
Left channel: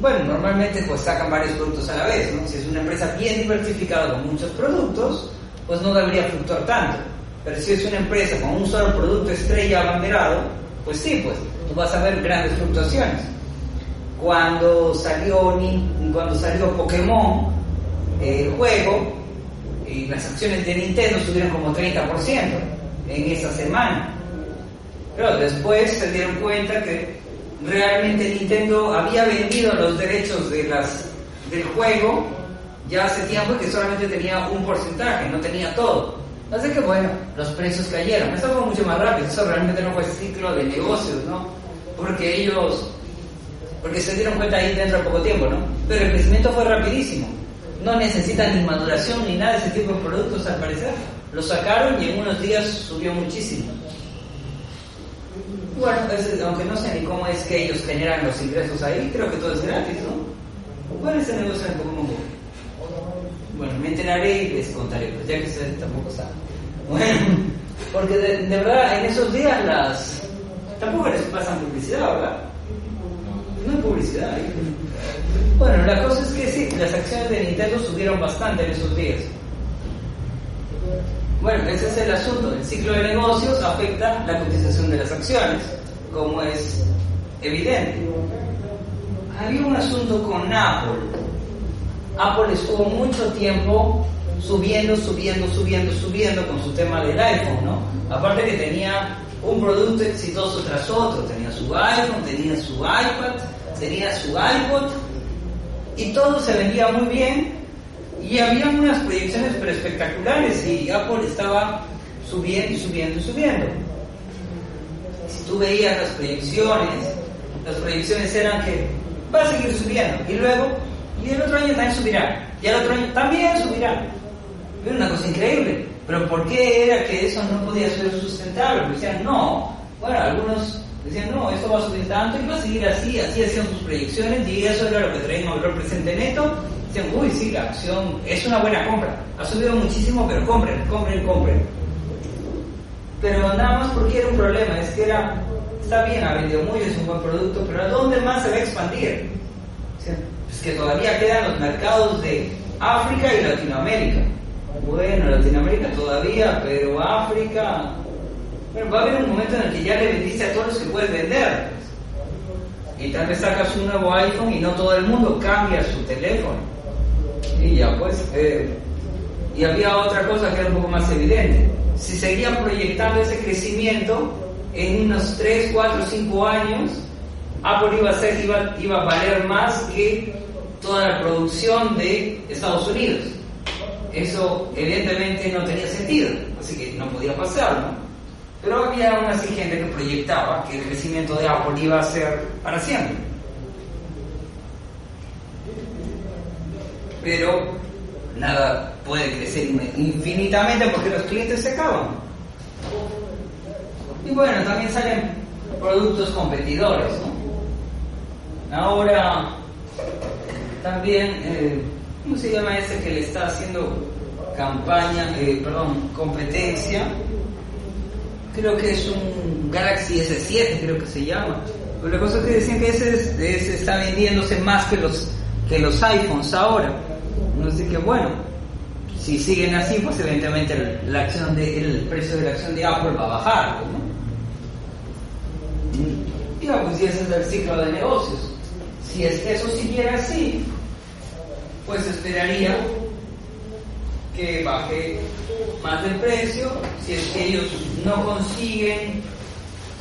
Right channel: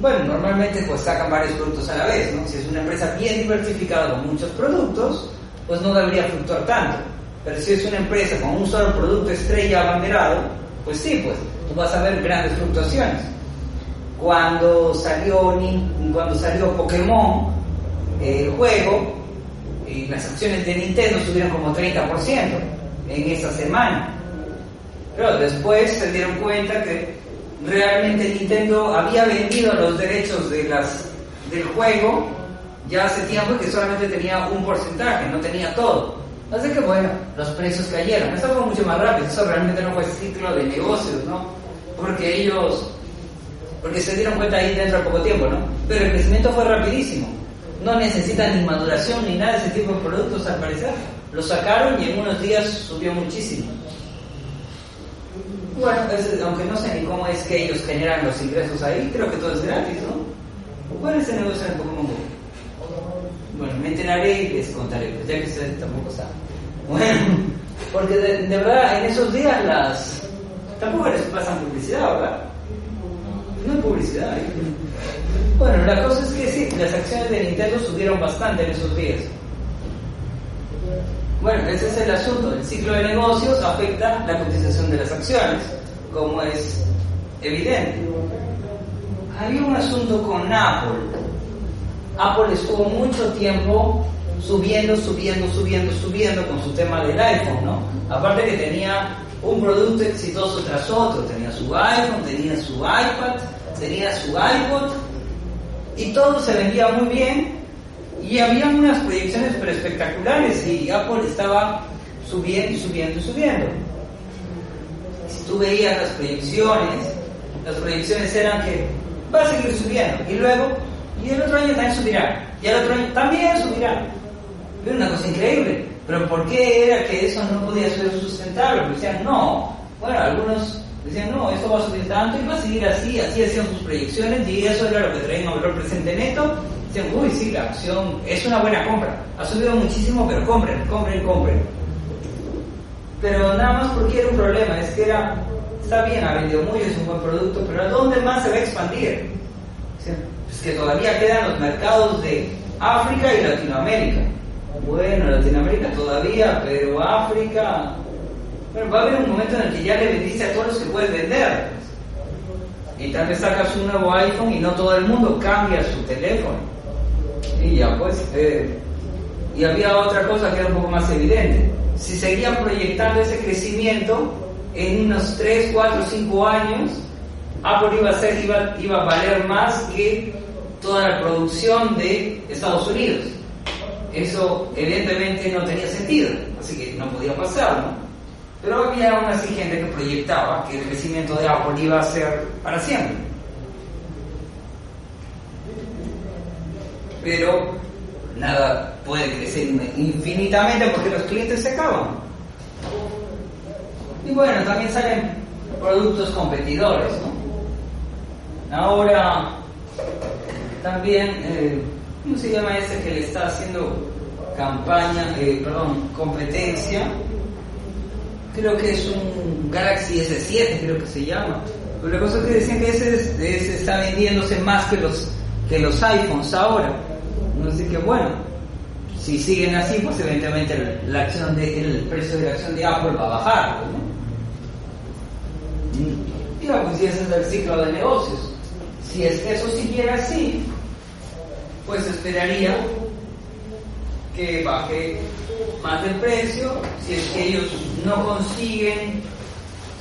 Bueno, normalmente pues sacan varios productos a la vez, ¿no? Si es una empresa bien diversificada con muchos productos, pues no debería fluctuar tanto. Pero si es una empresa con un solo producto estrella abanderado, pues sí, pues tú vas a ver grandes fluctuaciones. Cuando salió Pokémon, el juego, y las acciones de Nintendo subieron como 30% en esa semana. Pero después se dieron cuenta que realmente Nintendo había vendido los derechos del juego ya hace tiempo y que solamente tenía un porcentaje, no tenía todo. Así que bueno, los precios cayeron. Eso fue mucho más rápido, eso realmente no fue ciclo de negocios, ¿no? Porque se dieron cuenta ahí dentro de poco tiempo, ¿no? Pero el crecimiento fue rapidísimo. No necesitan ni maduración ni nada de ese tipo de productos al parecer. Lo sacaron y en unos días subió muchísimo. Bueno, aunque no sé ni cómo es que ellos generan los ingresos ahí, creo que todo es gratis, ¿no? ¿Cuál es el negocio en Pokémon Go? Bueno, me enteraré y les contaré, pues ya que ustedes tampoco saben. Bueno, porque de verdad en esos días tampoco les pasan publicidad, ¿verdad? No hay publicidad ahí. Bueno, la cosa es que sí, las acciones de Nintendo subieron bastante en esos días. Bueno, ese es el asunto. El ciclo de negocios afecta la cotización de las acciones, como es evidente. Había un asunto con Apple. Apple estuvo mucho tiempo subiendo con su tema del iPhone, ¿no? Aparte que tenía un producto exitoso tras otro. Tenía su iPhone, tenía su iPad, tenía su iPod, y todo se vendía muy bien. Y había unas proyecciones pero espectaculares y Apple estaba subiendo. Si tú veías las proyecciones eran que va a seguir subiendo y el otro año también subirá, y el otro año también subirá. Era una cosa increíble. Pero ¿por qué era que eso no podía ser sustentable? Porque decían, algunos decían, no, esto va a subir tanto y va a seguir así hacían sus proyecciones y eso era lo que traían a valor presente neto. Dicen, uy, sí, la acción es una buena compra, ha subido muchísimo, pero compren. Pero nada más porque era un problema, es que está bien, ha vendido mucho, es un buen producto, pero ¿a dónde más se va a expandir? Es que todavía quedan los mercados de África y Latinoamérica. Bueno, Latinoamérica todavía, pero África... Bueno, va a haber un momento en el que ya le vendiste a todos los que puedes vender. Y tal vez sacas un nuevo iPhone y no todo el mundo cambia su teléfono. Y ya pues, y había otra cosa que era un poco más evidente. Si seguían proyectando ese crecimiento, en unos 3, 4, 5 años, Apple iba a valer más que toda la producción de Estados Unidos. Eso evidentemente no tenía sentido, así que no podía pasar, ¿no? Pero había aún así gente que proyectaba que el crecimiento de Apple iba a ser para siempre. Pero nada puede crecer infinitamente porque los clientes se acaban. Y bueno, también salen productos competidores, ¿no? Ahora también, ¿cómo se llama ese que le está haciendo competencia? Creo que es un Galaxy S7, creo que se llama. Pero la cosa es que decían que ese está vendiéndose más que los iPhones ahora. Así que bueno, si siguen así, pues evidentemente el precio de la acción de Apple va a bajar, ¿no? Y pues si ese es el ciclo de negocios. Si es que eso siguiera así, pues esperaría que baje más el precio. Si es que ellos no consiguen,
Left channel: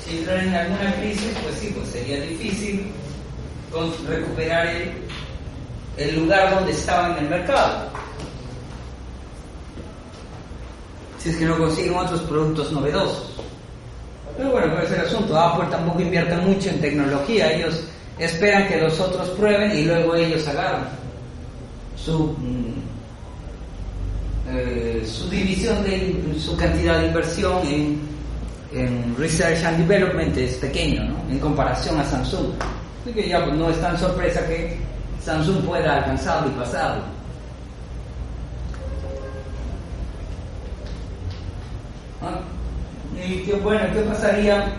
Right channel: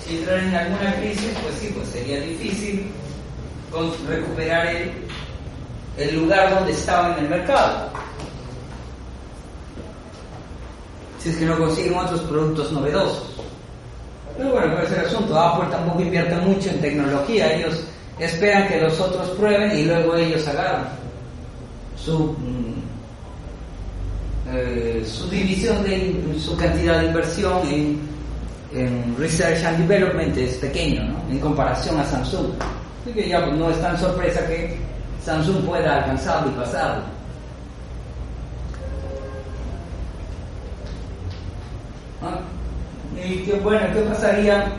si entran en alguna crisis, pues sí, pues sería difícil recuperar el lugar donde estaban en el mercado. Si es que no consiguen otros productos novedosos. Pero bueno, ese es el asunto. Apple tampoco invierte mucho en tecnología. Ellos esperan que los otros prueben y luego ellos agarran su división su cantidad de inversión en Research and Development es pequeño, ¿no? En comparación a Samsung. Así que ya pues, no es tan sorpresa que Samsung pueda alcanzarlo y pasarlo. Y qué pasaría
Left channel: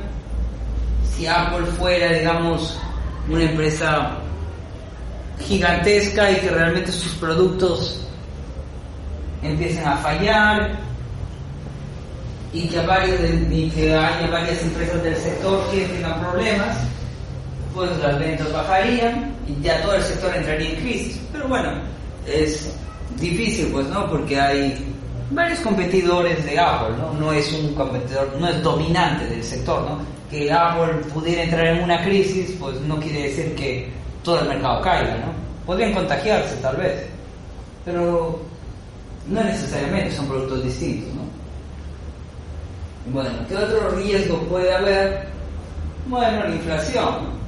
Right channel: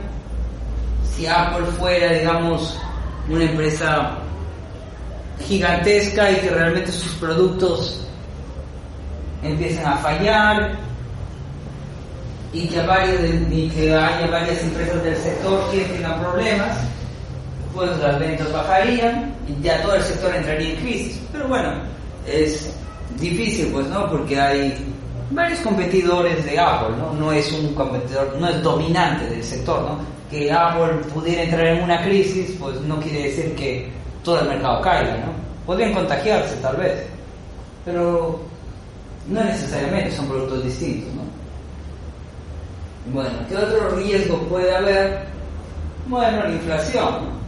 si Apple fuera, digamos, una empresa gigantesca y que realmente sus productos empiecen a fallar y que haya varias empresas del sector que tengan problemas? Pues las ventas bajarían y ya todo el sector entraría en crisis. Pero bueno, es difícil, pues, ¿no? Porque hay varios competidores de Apple, ¿no? No es un competidor, no es dominante del sector, ¿no? Que Apple pudiera entrar en una crisis, pues no quiere decir que todo el mercado caiga, ¿no? Podrían contagiarse tal vez, pero no necesariamente, son productos distintos, ¿no? Bueno, ¿qué otro riesgo puede haber? Bueno, la inflación.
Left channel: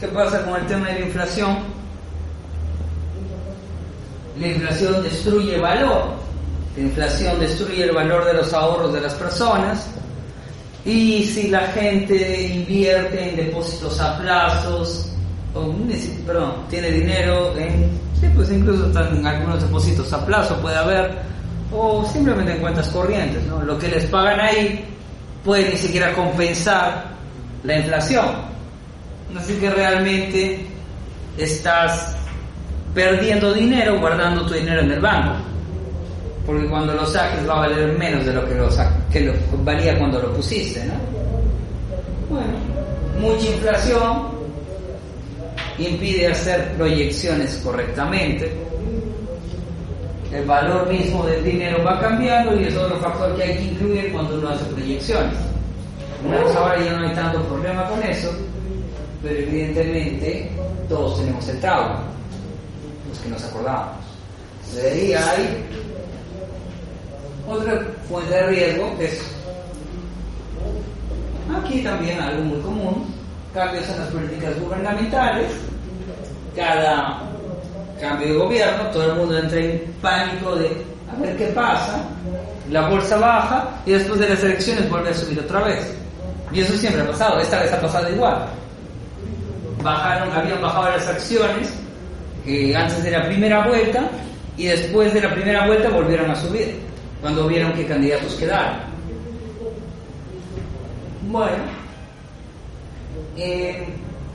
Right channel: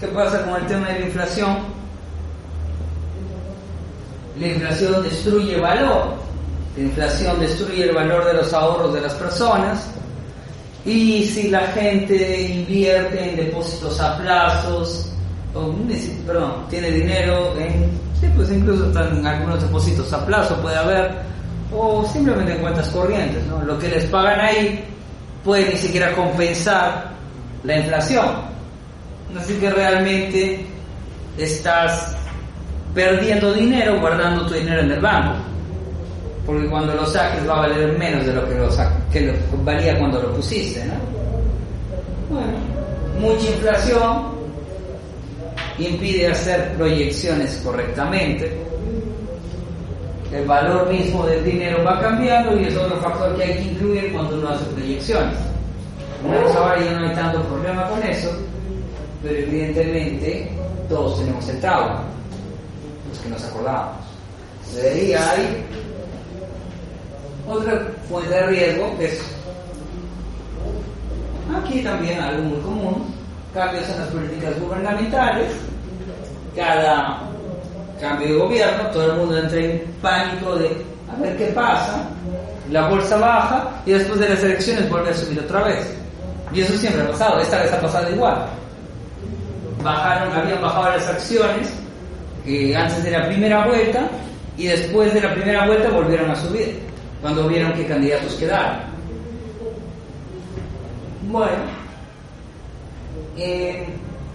¿Qué pasa con el tema de la inflación? La inflación destruye valor. La inflación destruye el valor de los ahorros de las personas. Y si la gente invierte en depósitos a plazos, tiene dinero en, sí, pues incluso en algunos depósitos a plazo puede haber, o simplemente en cuentas corrientes, ¿no? Lo que les pagan ahí puede ni siquiera compensar la inflación. Así que realmente estás perdiendo dinero guardando tu dinero en el banco, porque cuando lo saques va a valer menos de lo que lo valía cuando lo pusiste, ¿no? Bueno, mucha inflación impide hacer proyecciones correctamente. El valor mismo del dinero va cambiando y es otro factor que hay que incluir cuando uno hace proyecciones. Ahora ya no hay tanto problema con eso, pero evidentemente todos tenemos el trauma, los que nos acordamos. De ahí hay otra fuente de riesgo, que es aquí también algo muy común: cambios en las políticas gubernamentales. Cada cambio de gobierno, todo el mundo entra en pánico de a ver qué pasa, la bolsa baja y después de las elecciones vuelve a subir otra vez. Y eso siempre ha pasado, esta vez ha pasado igual. Habían bajado las acciones antes de la primera vuelta y después de la primera vuelta volvieron a subir cuando vieron qué candidatos quedaron. Bueno,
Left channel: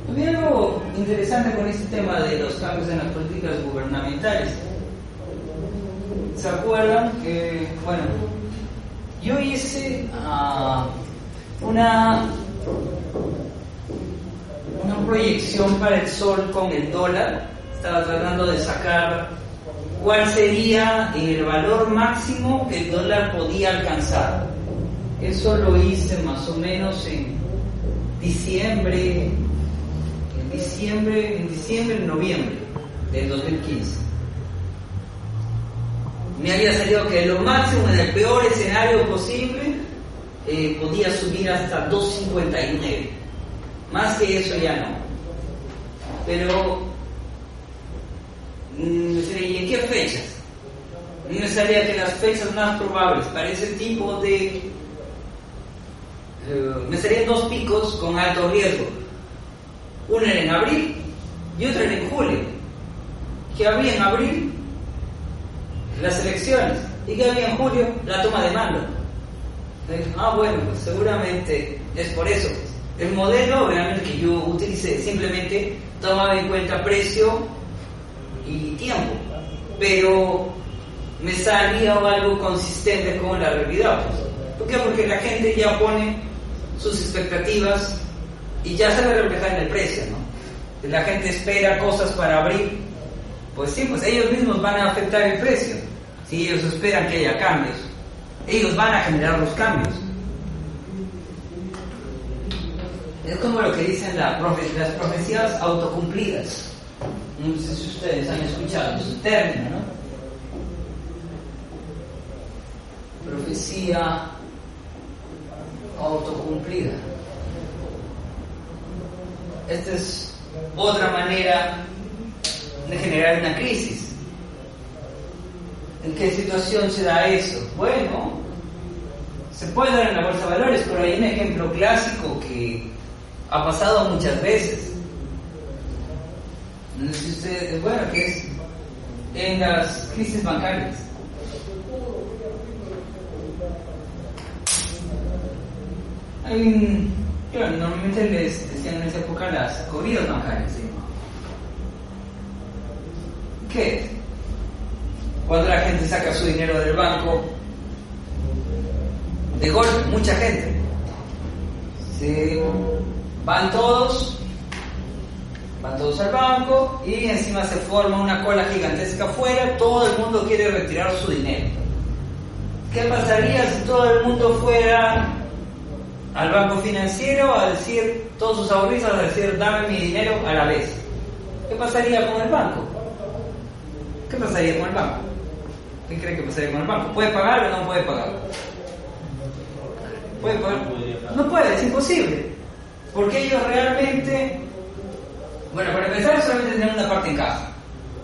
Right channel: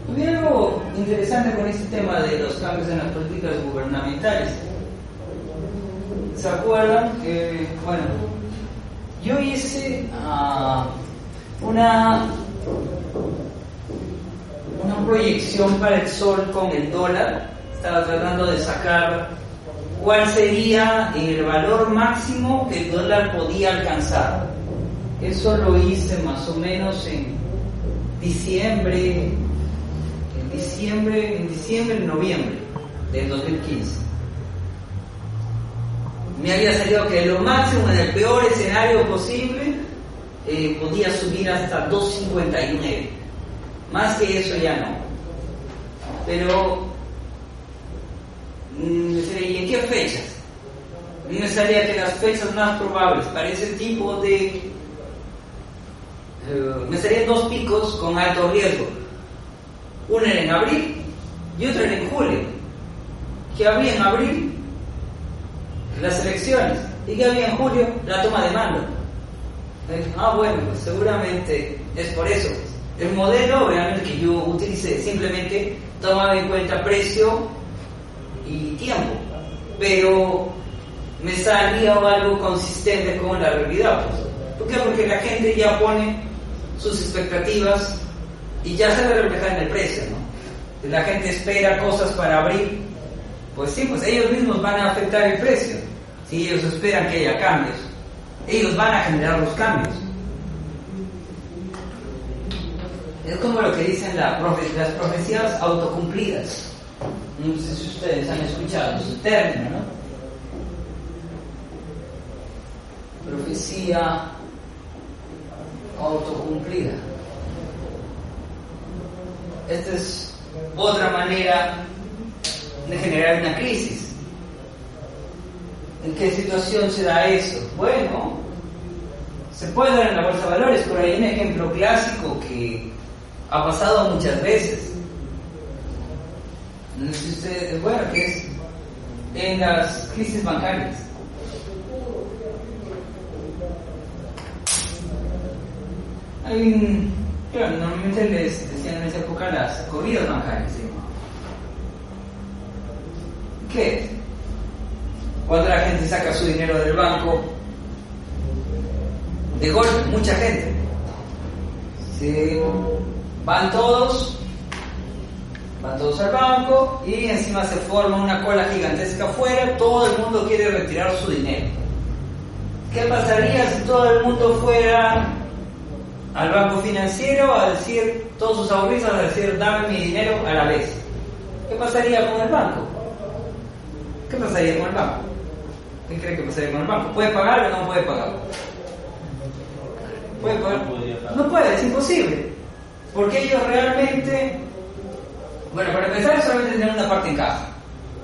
había algo interesante con este tema de los cambios en las políticas gubernamentales. ¿Se acuerdan que, bueno, yo hice una proyección para el sol con el dólar? Estaba tratando de sacar cuál sería el valor máximo que el dólar podía alcanzar. Eso lo hice más o menos en noviembre del 2015. Me había salido que lo máximo, en el peor escenario posible, podía subir hasta 2.59. Más que eso ya no. Pero ¿y en qué fechas? Me salía que las fechas más probables para ese tipo de me salían dos picos con alto riesgo. Uno era en abril y otro era en julio. ¿Qué había en abril? Las elecciones. ¿Y qué había en julio? La toma de mando. Bueno, pues seguramente es por eso. El modelo realmente que yo utilicé simplemente tomaba en cuenta precio y tiempo, pero me salía algo consistente con la realidad. ¿Por qué? Porque la gente ya pone sus expectativas y ya se ve reflejada en el precio, ¿no? La gente espera cosas para abril, pues sí, pues ellos mismos van a afectar el precio. Si ellos esperan que haya cambios, ellos van a generar los cambios. Es como lo que dicen las profecías autocumplidas. No sé si ustedes han escuchado ese término, ¿no? Profecía autocumplida. Esta es otra manera de generar una crisis. ¿En qué situación se da eso? Bueno, se puede dar en la bolsa de valores, pero hay un ejemplo clásico que ha pasado muchas veces. No sé si ustedes, bueno, que es en las crisis bancarias. Claro, normalmente les decían en esa época las corridas bancarias, ¿sí? ¿Qué es? Cuando la gente saca su dinero del banco, de golpe, mucha gente, van todos al banco y encima se forma una cola gigantesca afuera, todo el mundo quiere retirar su dinero. ¿qué pasaría si todo el mundo fuera al banco financiero a decir, todos sus ahorristas a decir, dame mi dinero a la vez? ¿Qué pasaría con el banco? ¿Qué pasaría con el banco? ¿Qué cree que pasaría con el banco? ¿Puede pagar o no puede pagar? ¿Puede pagar? No puede, es imposible. Porque ellos realmente, bueno, para empezar solamente tienen una parte en caja.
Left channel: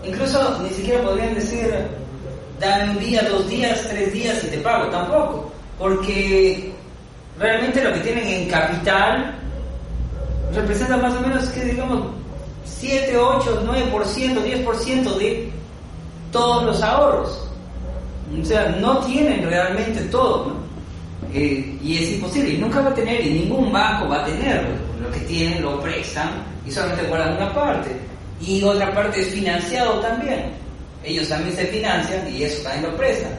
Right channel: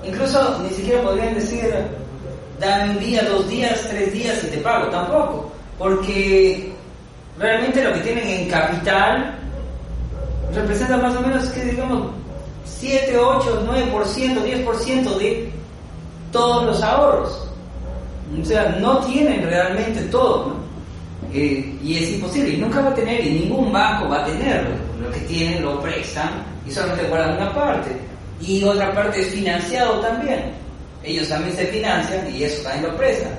Incluso ni siquiera podrían decir, dame un día, 2 días, 3 días y te pago, tampoco. Porque realmente lo que tienen en capital representa más o menos, que digamos, 7, 8, 9%, 10% de todos los ahorros. O sea, no tienen realmente todo, ¿no? Y es imposible, y nunca va a tener, y ningún banco va a tenerlo. Lo que tienen lo prestan y solamente guardan una parte. Y otra parte es financiado también. Ellos también se financian y eso también lo prestan.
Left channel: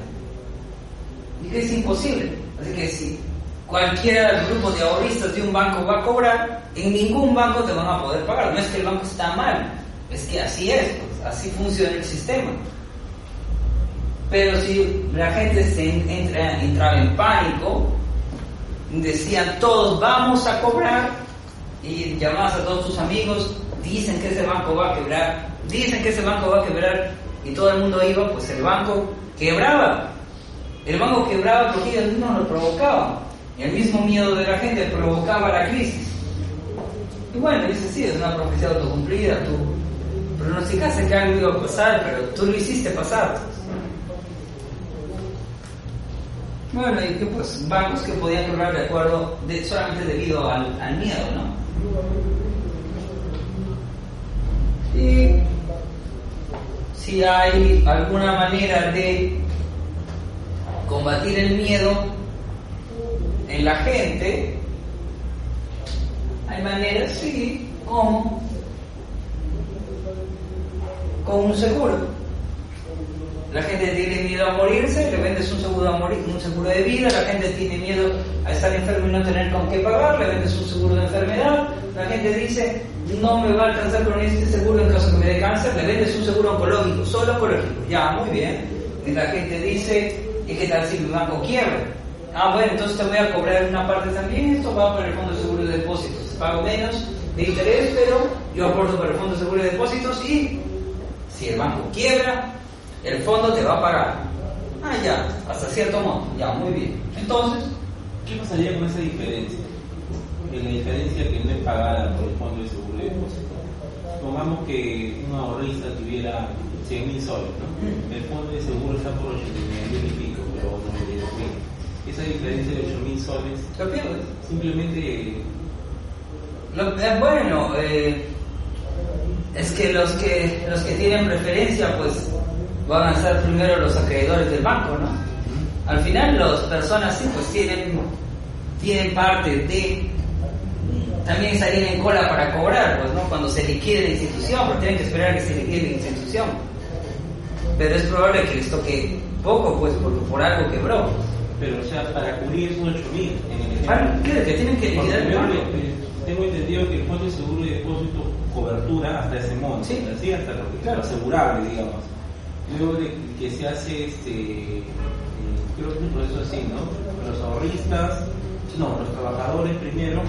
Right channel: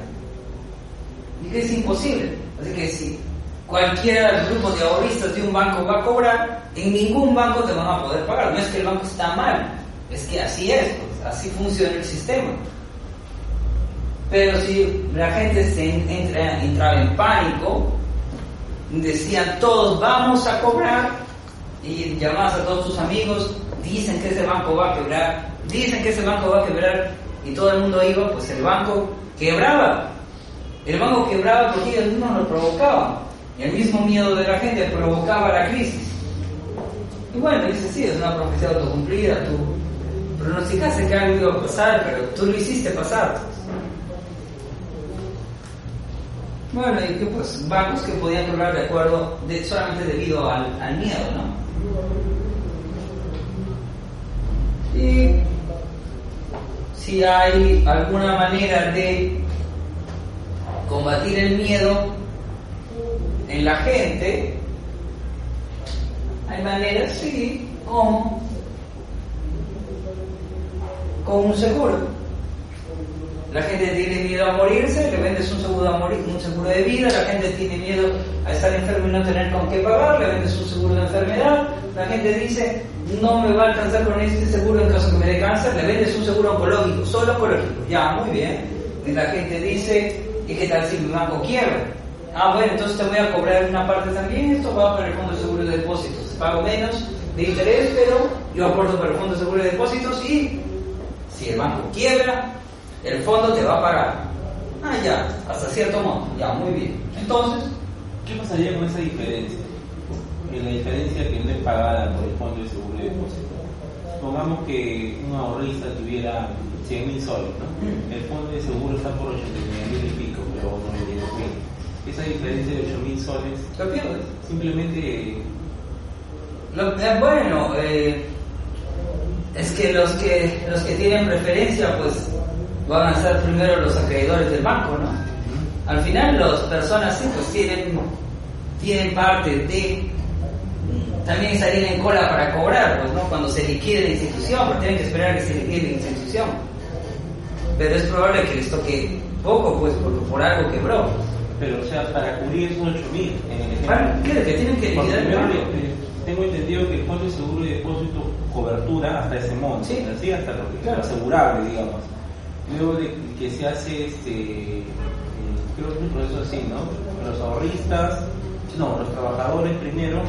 Y que es imposible. Así que si cualquiera del grupo de ahorristas de un banco va a cobrar, en ningún banco te van a poder pagar. No es que el banco está mal, es que así es, pues, así funciona el sistema. Pero si la gente entraba en pánico, decían todos vamos a cobrar, y llamabas a todos tus amigos, dicen que ese banco va a quebrar, dicen que ese banco va a quebrar, y todo el mundo iba, pues el banco quebraba. El banco quebraba porque ellos mismos lo provocaban. El mismo miedo de la gente provocaba la crisis. Y bueno, dice, sí, es una profecía autocumplida, tú pronosticaste que algo iba a pasar, pero tú lo hiciste pasar. Bueno, y que pues bancos que podían quebrar de acuerdo, solamente debido al miedo, ¿no? Y si hay alguna manera de combatir el miedo en la gente, hay maneras, sí, como con un seguro. La gente tiene miedo a morirse, le vendes un seguro un seguro de vida. La gente tiene miedo a estar enfermo y no tener con qué pagar, le vendes un seguro de enfermedad. La gente dice, no me va a alcanzar con este seguro en caso que me dé cáncer, le vendes un seguro oncológico, solo oncológico. Ya, muy bien. Y la gente dice, ¿y qué tal si mi banco quiebra? Ah, bueno, entonces te voy a cobrar una parte también, esto va para el fondo de seguro de depósitos. Pago menos de interés, pero yo aporto para el fondo de seguro de depósitos y si el banco quiebra, el fondo te va a pagar. Ah, ya, hasta cierto monto. Ya, muy bien. Entonces, ¿qué pasaría con esa diferencia? La diferencia que no es pagada por el fondo de seguro de depósito. Supongamos que un ahorrista tuviera 100.000 soles, ¿no? El fondo de seguro está por 89.000 y pico, pero no me digo que esa diferencia de 8.000 soles lo pierdes. Simplemente. Bueno, es que los que tienen preferencia, pues van a ser primero los acreedores del banco, ¿no? Al final las personas sí, pues tienen parte de también salir en cola para cobrar, pues, ¿no? Cuando se liquide la institución, porque tienen que esperar que se liquide la institución. Pero es probable que les toque poco, pues, porque por algo quebró. Pero, o sea, para cubrir esos 8.000 en el ejemplo. Bueno, ¿qué? Que tienen que liquidar el banco. Tengo entendido que el fondo de seguro de depósito cobertura hasta ese monto, sí, ¿sí? Hasta lo que claro, asegurable, digamos. Luego de que se hace creo que es un proceso así, ¿no? Los ahorristas, los trabajadores primero,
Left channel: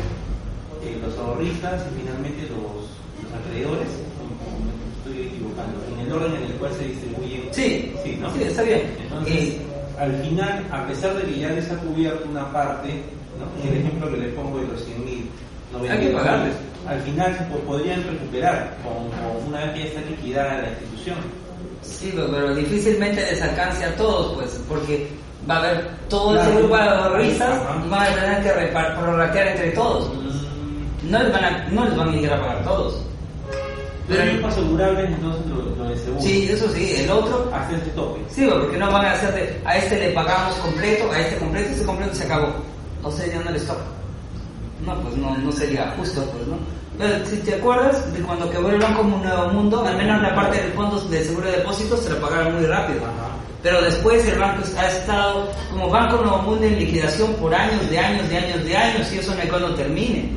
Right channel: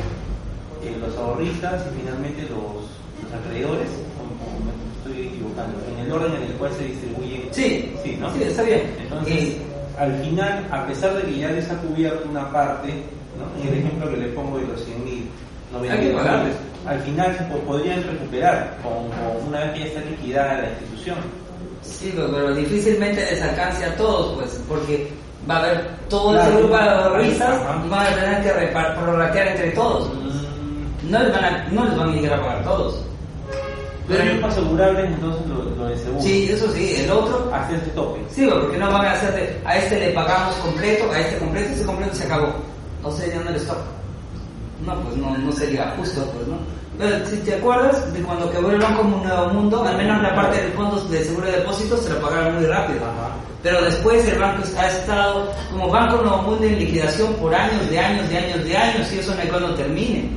los ahorristas y finalmente los acreedores, como me estoy equivocando, en el orden en el cual se distribuyen. Sí, sí, ¿no? Sí, está bien. Entonces, al final, a pesar de que ya les ha cubierto una parte, ¿no? En el ejemplo que les pongo de los 100.000, hay que pagarles. Al final podrían recuperar una vez que ya está liquidada la institución. Sí, pero difícilmente les alcance a todos, pues, porque va a haber todo ese grupo de ahorristas y van a tener que prorratear entre todos. No les van a llegar a pagar todos. Pero es asegurable entonces lo de seguro. Sí, eso sí, el otro. Hacer este tope. Sí, porque no van a hacerte, a este le pagamos completo, a este completo, ese completo se acabó. O sea, ya no les toca. No, pues no sería justo, pues, ¿no? Pero si te acuerdas de cuando quebró el Banco Nuevo Mundo, al menos la parte del fondo de seguro de depósitos se lo pagaron muy rápido. Pero después el banco ha estado como Banco Nuevo Mundo en liquidación por años, y eso no hay cuando termine.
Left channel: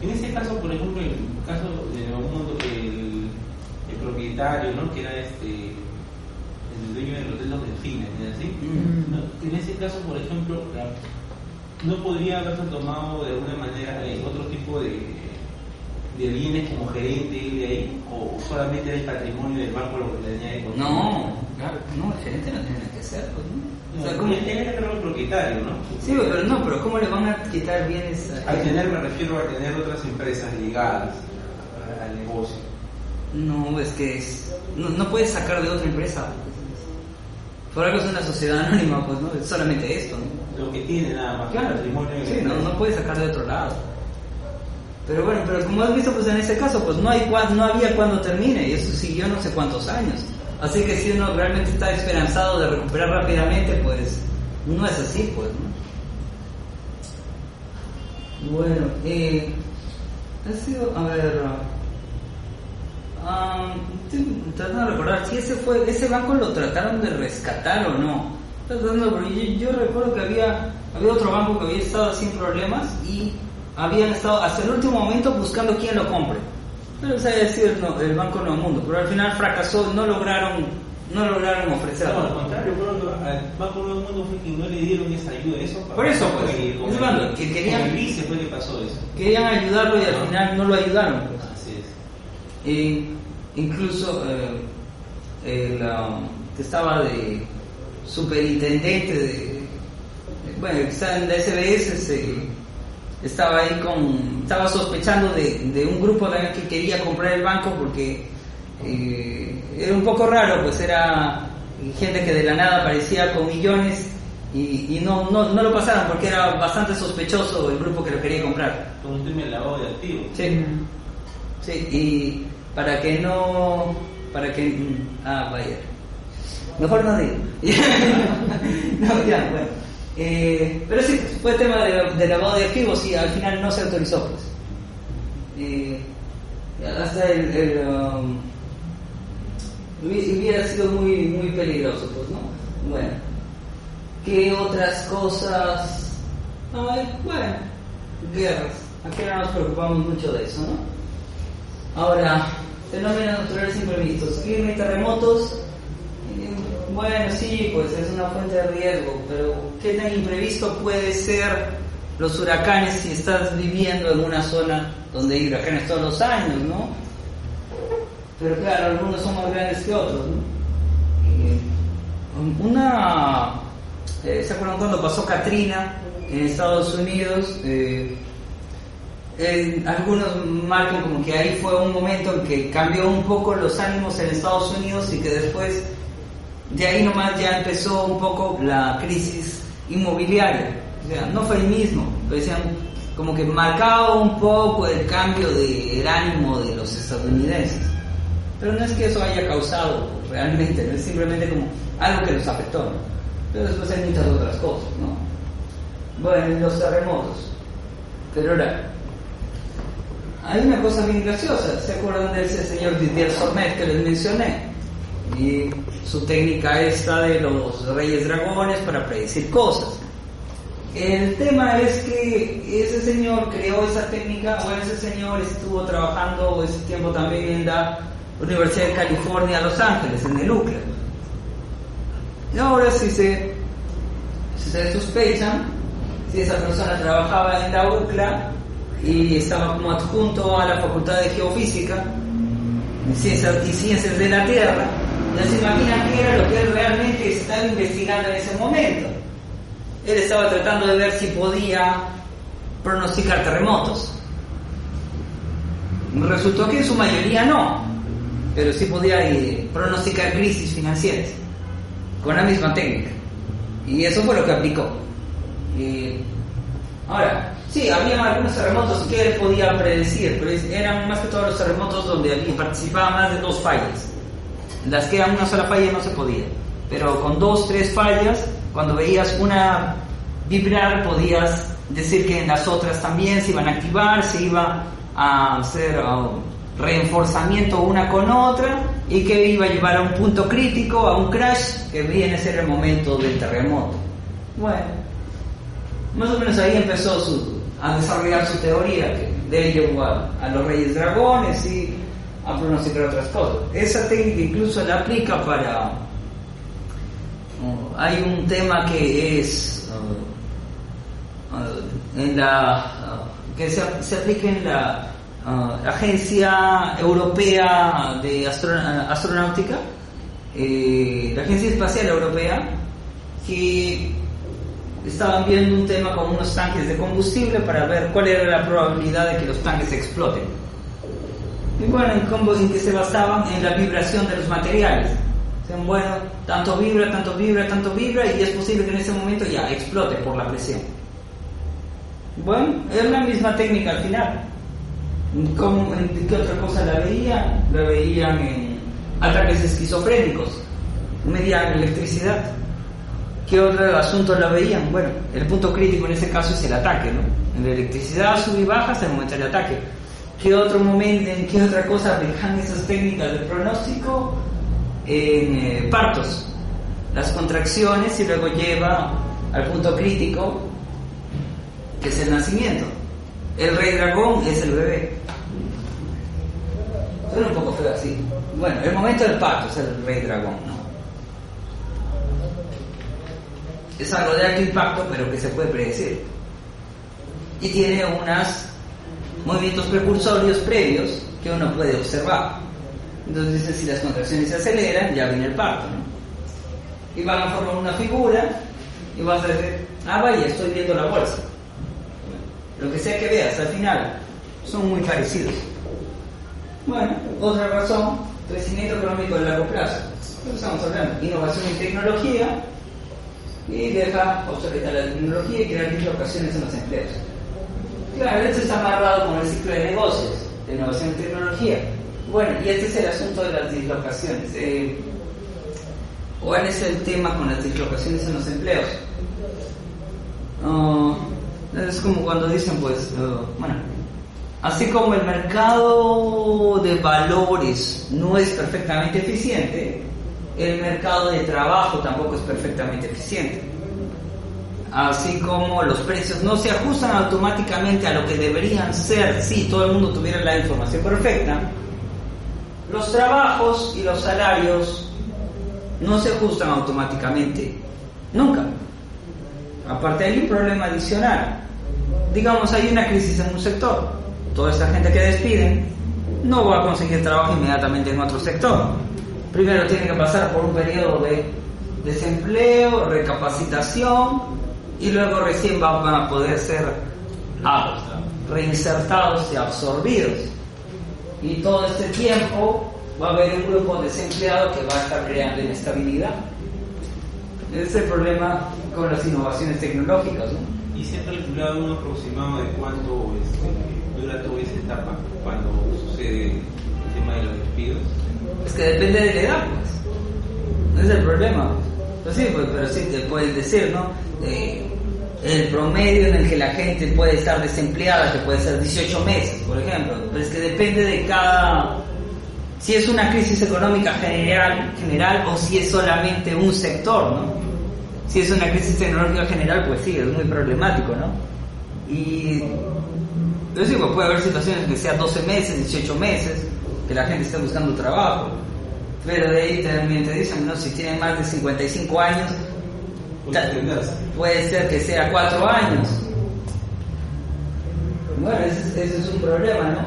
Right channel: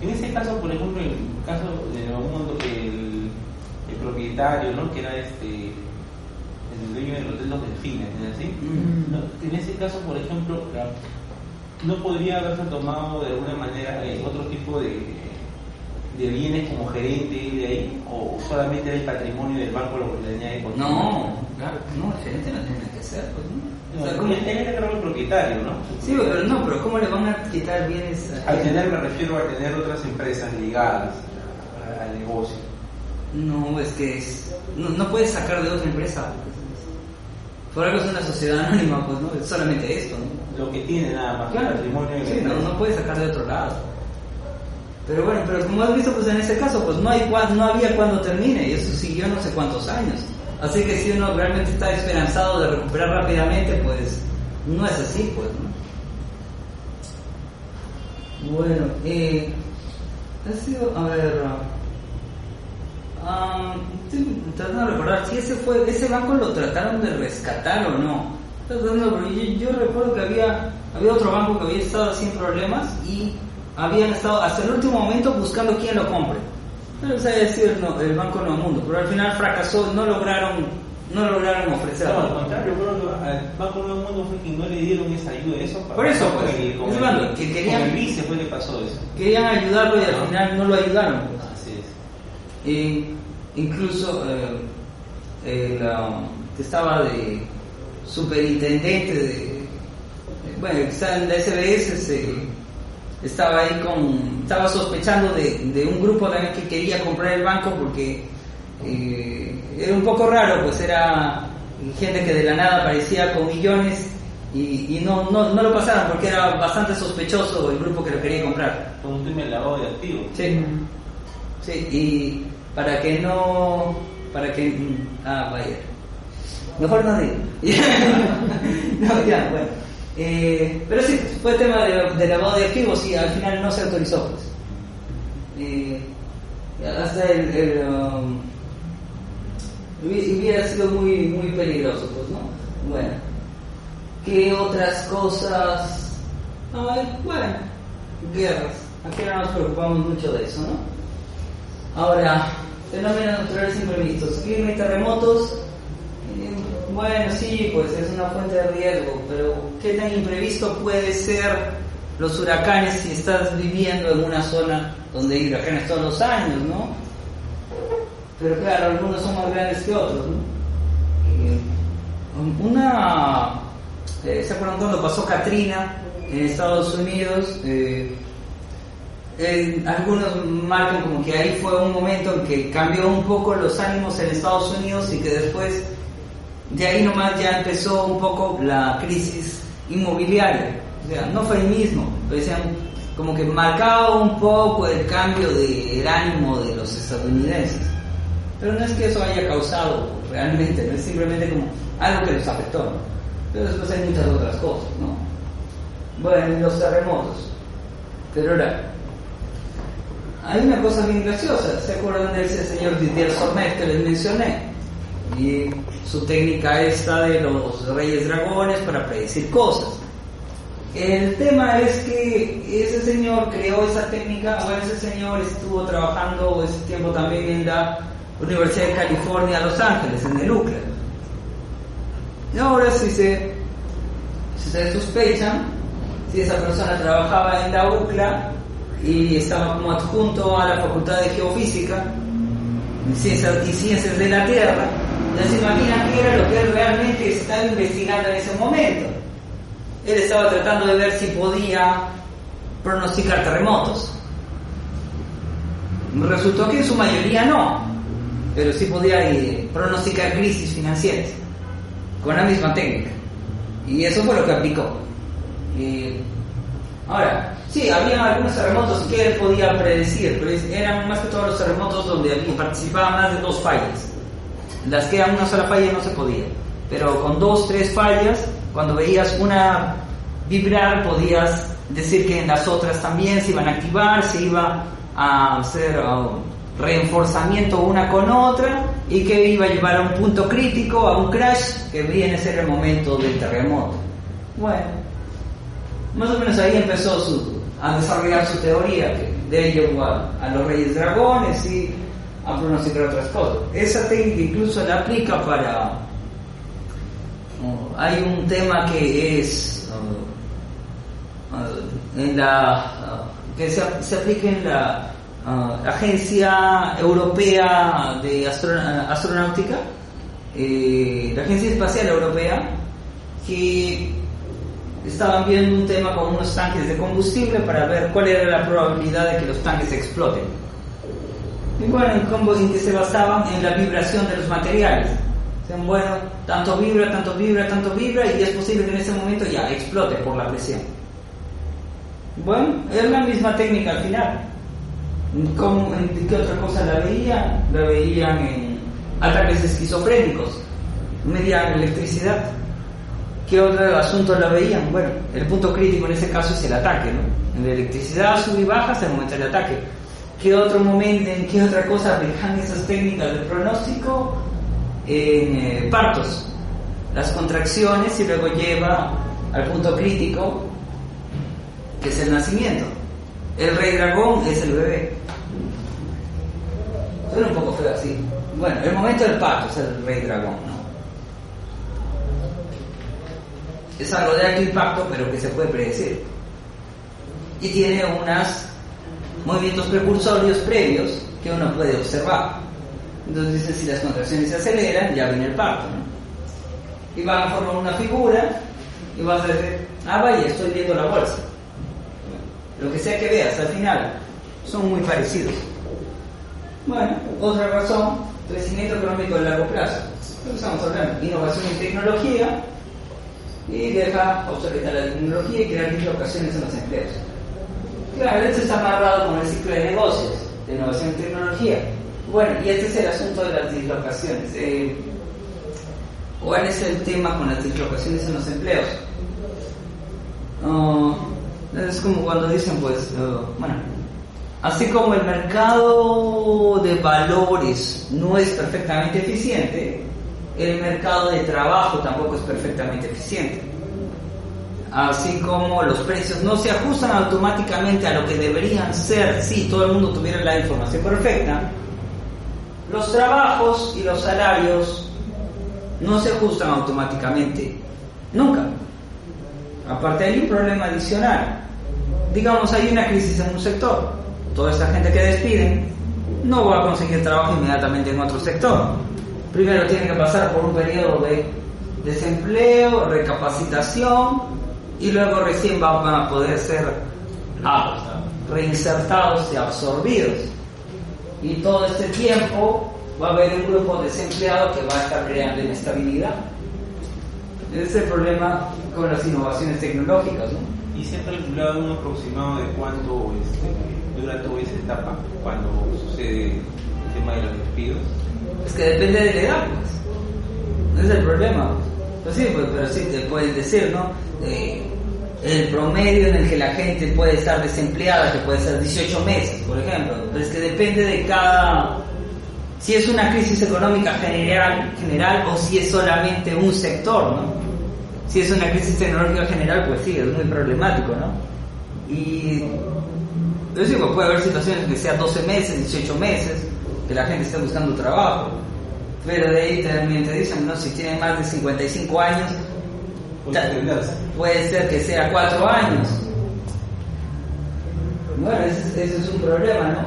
En este caso, por ejemplo, en el caso de Nuevo Mundo, el propietario, ¿no? Que era el dueño del hotel Los Delfines, ¿no es así? No, en ese caso, por ejemplo, ¿no podría haberse tomado de alguna manera otro tipo de bienes como gerente de ahí? ¿O solamente era el patrimonio del banco lo que le añade con? No, claro, no, el gerente no tiene que ser, pues, ¿no? No, O sea, como el gerente era el propietario, ¿no? Sí, pero ¿cómo le van a quitar bienes a Al tener, me refiero a tener otras empresas ligadas al negocio. No, es que no puedes sacar de otra empresa. Por algo es una sociedad anónima, pues, ¿no? Es solamente esto, ¿no? Lo que tiene nada más, Claro, patrimonio de sí, la empresa. no puedes sacar de otro lado. Pero bueno, pero como has visto, pues en ese caso, pues no había cuando termine, y eso siguió no sé cuántos años. Así que si uno realmente está esperanzado de recuperar rápidamente, pues no es así, pues, ¿no? Bueno, ha sido, a ver, estoy tratando de recordar si ese banco lo trataron de rescatar o no. Yo recuerdo que había otro banco que había estado sin problemas y habían estado hasta el último momento buscando quién lo compre. Pero o sea, decir el Banco Nuevo Mundo, pero al final fracasó, no lograron ofrecerlo. No, al contrario, al Banco Nuevo Mundo fue quien no le dieron esa ayuda, eso. Por eso, pues, que querían, con el vice fue que pasó eso. Querían ayudarlo y al final no lo ayudaron, pues. Así es. Incluso que estaba de superintendente bueno, que estaba en la SBS, estaba sospechando de un grupo también que quería comprar el banco porque era un poco raro, pues era gente que de la nada aparecía con millones y no lo pasaron porque era bastante sospechoso el grupo que lo quería comprar. Con un tema de lavado de activos. Sí, y vaya, mejor no digo. No, ya, bueno. Pero sí, fue tema de lavado de activos y al final no se autorizó, pues. Hasta hubiera sido muy, muy peligroso, pues, ¿no? Bueno, ¿qué otras cosas? Bueno, guerras. Aquí no nos preocupamos mucho de eso, ¿no? Ahora, fenómenos naturales imprevistos, clima y terremotos. Bueno, sí, pues es una fuente de riesgo, pero ¿qué tan imprevisto puede ser los huracanes si estás viviendo en una zona donde hay huracanes todos los años, ¿no? Pero claro, algunos son más grandes que otros, ¿no? ¿Se acuerdan cuando pasó Katrina en Estados Unidos? Algunos marcan como que ahí fue un momento en que cambió un poco los ánimos en Estados Unidos y que después de ahí nomás ya empezó un poco la crisis inmobiliaria. O sea, no fue el mismo, pero decían como que marcaba un poco el cambio del ánimo de los estadounidenses. Pero no es que eso haya causado realmente, no es simplemente como algo que los afectó, ¿no? Pero después hay muchas otras cosas, ¿no? Bueno, los terremotos. Pero ahora, hay una cosa bien graciosa. ¿Se acuerdan de ese señor Didier Sormet que les mencioné? Y su técnica esta de los Reyes Dragones para predecir cosas. El tema es que ese señor creó esa técnica, o ese señor estuvo trabajando ese tiempo también en la Universidad de California, Los Ángeles, en el UCLA. Y ahora si se sospechan, si esa persona trabajaba en la UCLA y estaba como adjunto a la Facultad de Geofísica y Ciencias de la Tierra, ya se imaginan qué era lo que él realmente estaba investigando en ese momento. Él estaba tratando de ver si podía pronosticar terremotos. Resultó que en su mayoría no, pero sí podía pronosticar crisis financieras con la misma técnica. Y eso fue lo que aplicó. Ahora, sí, había algunos terremotos que él podía predecir, pero eran más que todos los terremotos donde participaban más de 2 fallas. Las que eran una sola falla no se podía, pero con 2, 3 fallas, cuando veías una vibrar, podías decir que en las otras también se iban a activar, se iba a hacer reforzamiento una con otra y que iba a llevar a un punto crítico, a un crash, que viene a ser el momento del terremoto. Bueno, más o menos ahí empezó a desarrollar su teoría, que de ello llevó a los Reyes Dragones y a pronosticar otras cosas. Esa técnica incluso la aplica para hay un tema que es que se aplica en la Agencia Europea de Astronáutica, la Agencia Espacial Europea, que estaban viendo un tema con unos tanques de combustible para ver cuál era la probabilidad de que los tanques exploten. Y bueno, en que se basaban en la vibración de los materiales. Bueno, tanto vibra, y es posible que en ese momento ya explote por la presión. Bueno, es la misma técnica al final. ¿En qué otra cosa la veían? La veían en ataques esquizofrénicos, medían electricidad. ¿Qué otro asunto la veían? Bueno, el punto crítico en ese caso es el ataque, ¿no? En la electricidad sube y baja hasta el momento del ataque. ¿En qué otra cosa aplican esas técnicas de pronóstico? En partos, las contracciones, y luego lleva al punto crítico, que es el nacimiento. El rey dragón es el bebé. Suena un poco feo así. Bueno, el momento del parto es el rey dragón, ¿no? Es algo de alto impacto, pero que se puede predecir. Y tiene unos movimientos precursorios previos que uno puede observar. Entonces dicen, si las contracciones se aceleran, ya viene el parto, ¿no? Y van a formar una figura y vas a decir, vaya, estoy viendo la bolsa. Lo que sea que veas, al final, son muy parecidos. Bueno, otra razón, crecimiento económico de largo plazo. Lo que estamos hablando, innovación en tecnología, y deja obsoleta la tecnología y crear dislocaciones en los empleos. Claro, esto está amarrado con el ciclo de negocios, de innovación en tecnología. Bueno, y este es el asunto de las dislocaciones. ¿Cuál es el tema con las dislocaciones en los empleos? Es como cuando dicen, pues, bueno, así como el mercado de valores no es perfectamente eficiente, el mercado de trabajo tampoco es perfectamente eficiente. Así como los precios no se ajustan automáticamente a lo que deberían ser si todo el mundo tuviera la información perfecta, los trabajos y los salarios no se ajustan automáticamente, nunca. Aparte hay un problema adicional. Digamos, hay una crisis en un sector, toda esta gente que despiden no va a conseguir trabajo inmediatamente en otro sector. Primero tiene que pasar por un periodo de desempleo, recapacitación, y luego recién van a poder ser reinsertados y absorbidos. Y todo este tiempo va a haber un grupo desempleado que va a estar creando inestabilidad. Ese es el problema con las innovaciones tecnológicas, ¿no? ¿Y se ha calculado un aproximado de cuánto dura toda esa etapa cuando sucede el tema de los despidos? Es que depende de la edad, pues. Ese es el problema. Pues sí, pues, pero sí te puedes decir, ¿no? El promedio en el que la gente puede estar desempleada, que puede ser 18 meses, por ejemplo. Pero es que depende de si es una crisis económica general o si es solamente un sector, ¿no? Si es una crisis tecnológica general, pues sí, es muy problemático, ¿no? Y pues sí, pues puede haber situaciones que sean 12 meses, 18 meses, que la gente esté buscando trabajo. Pero de ahí también te dicen, ¿no? Si tienen más de 55 años, puede ser que sea 4 años. Bueno, ese es un problema, ¿no?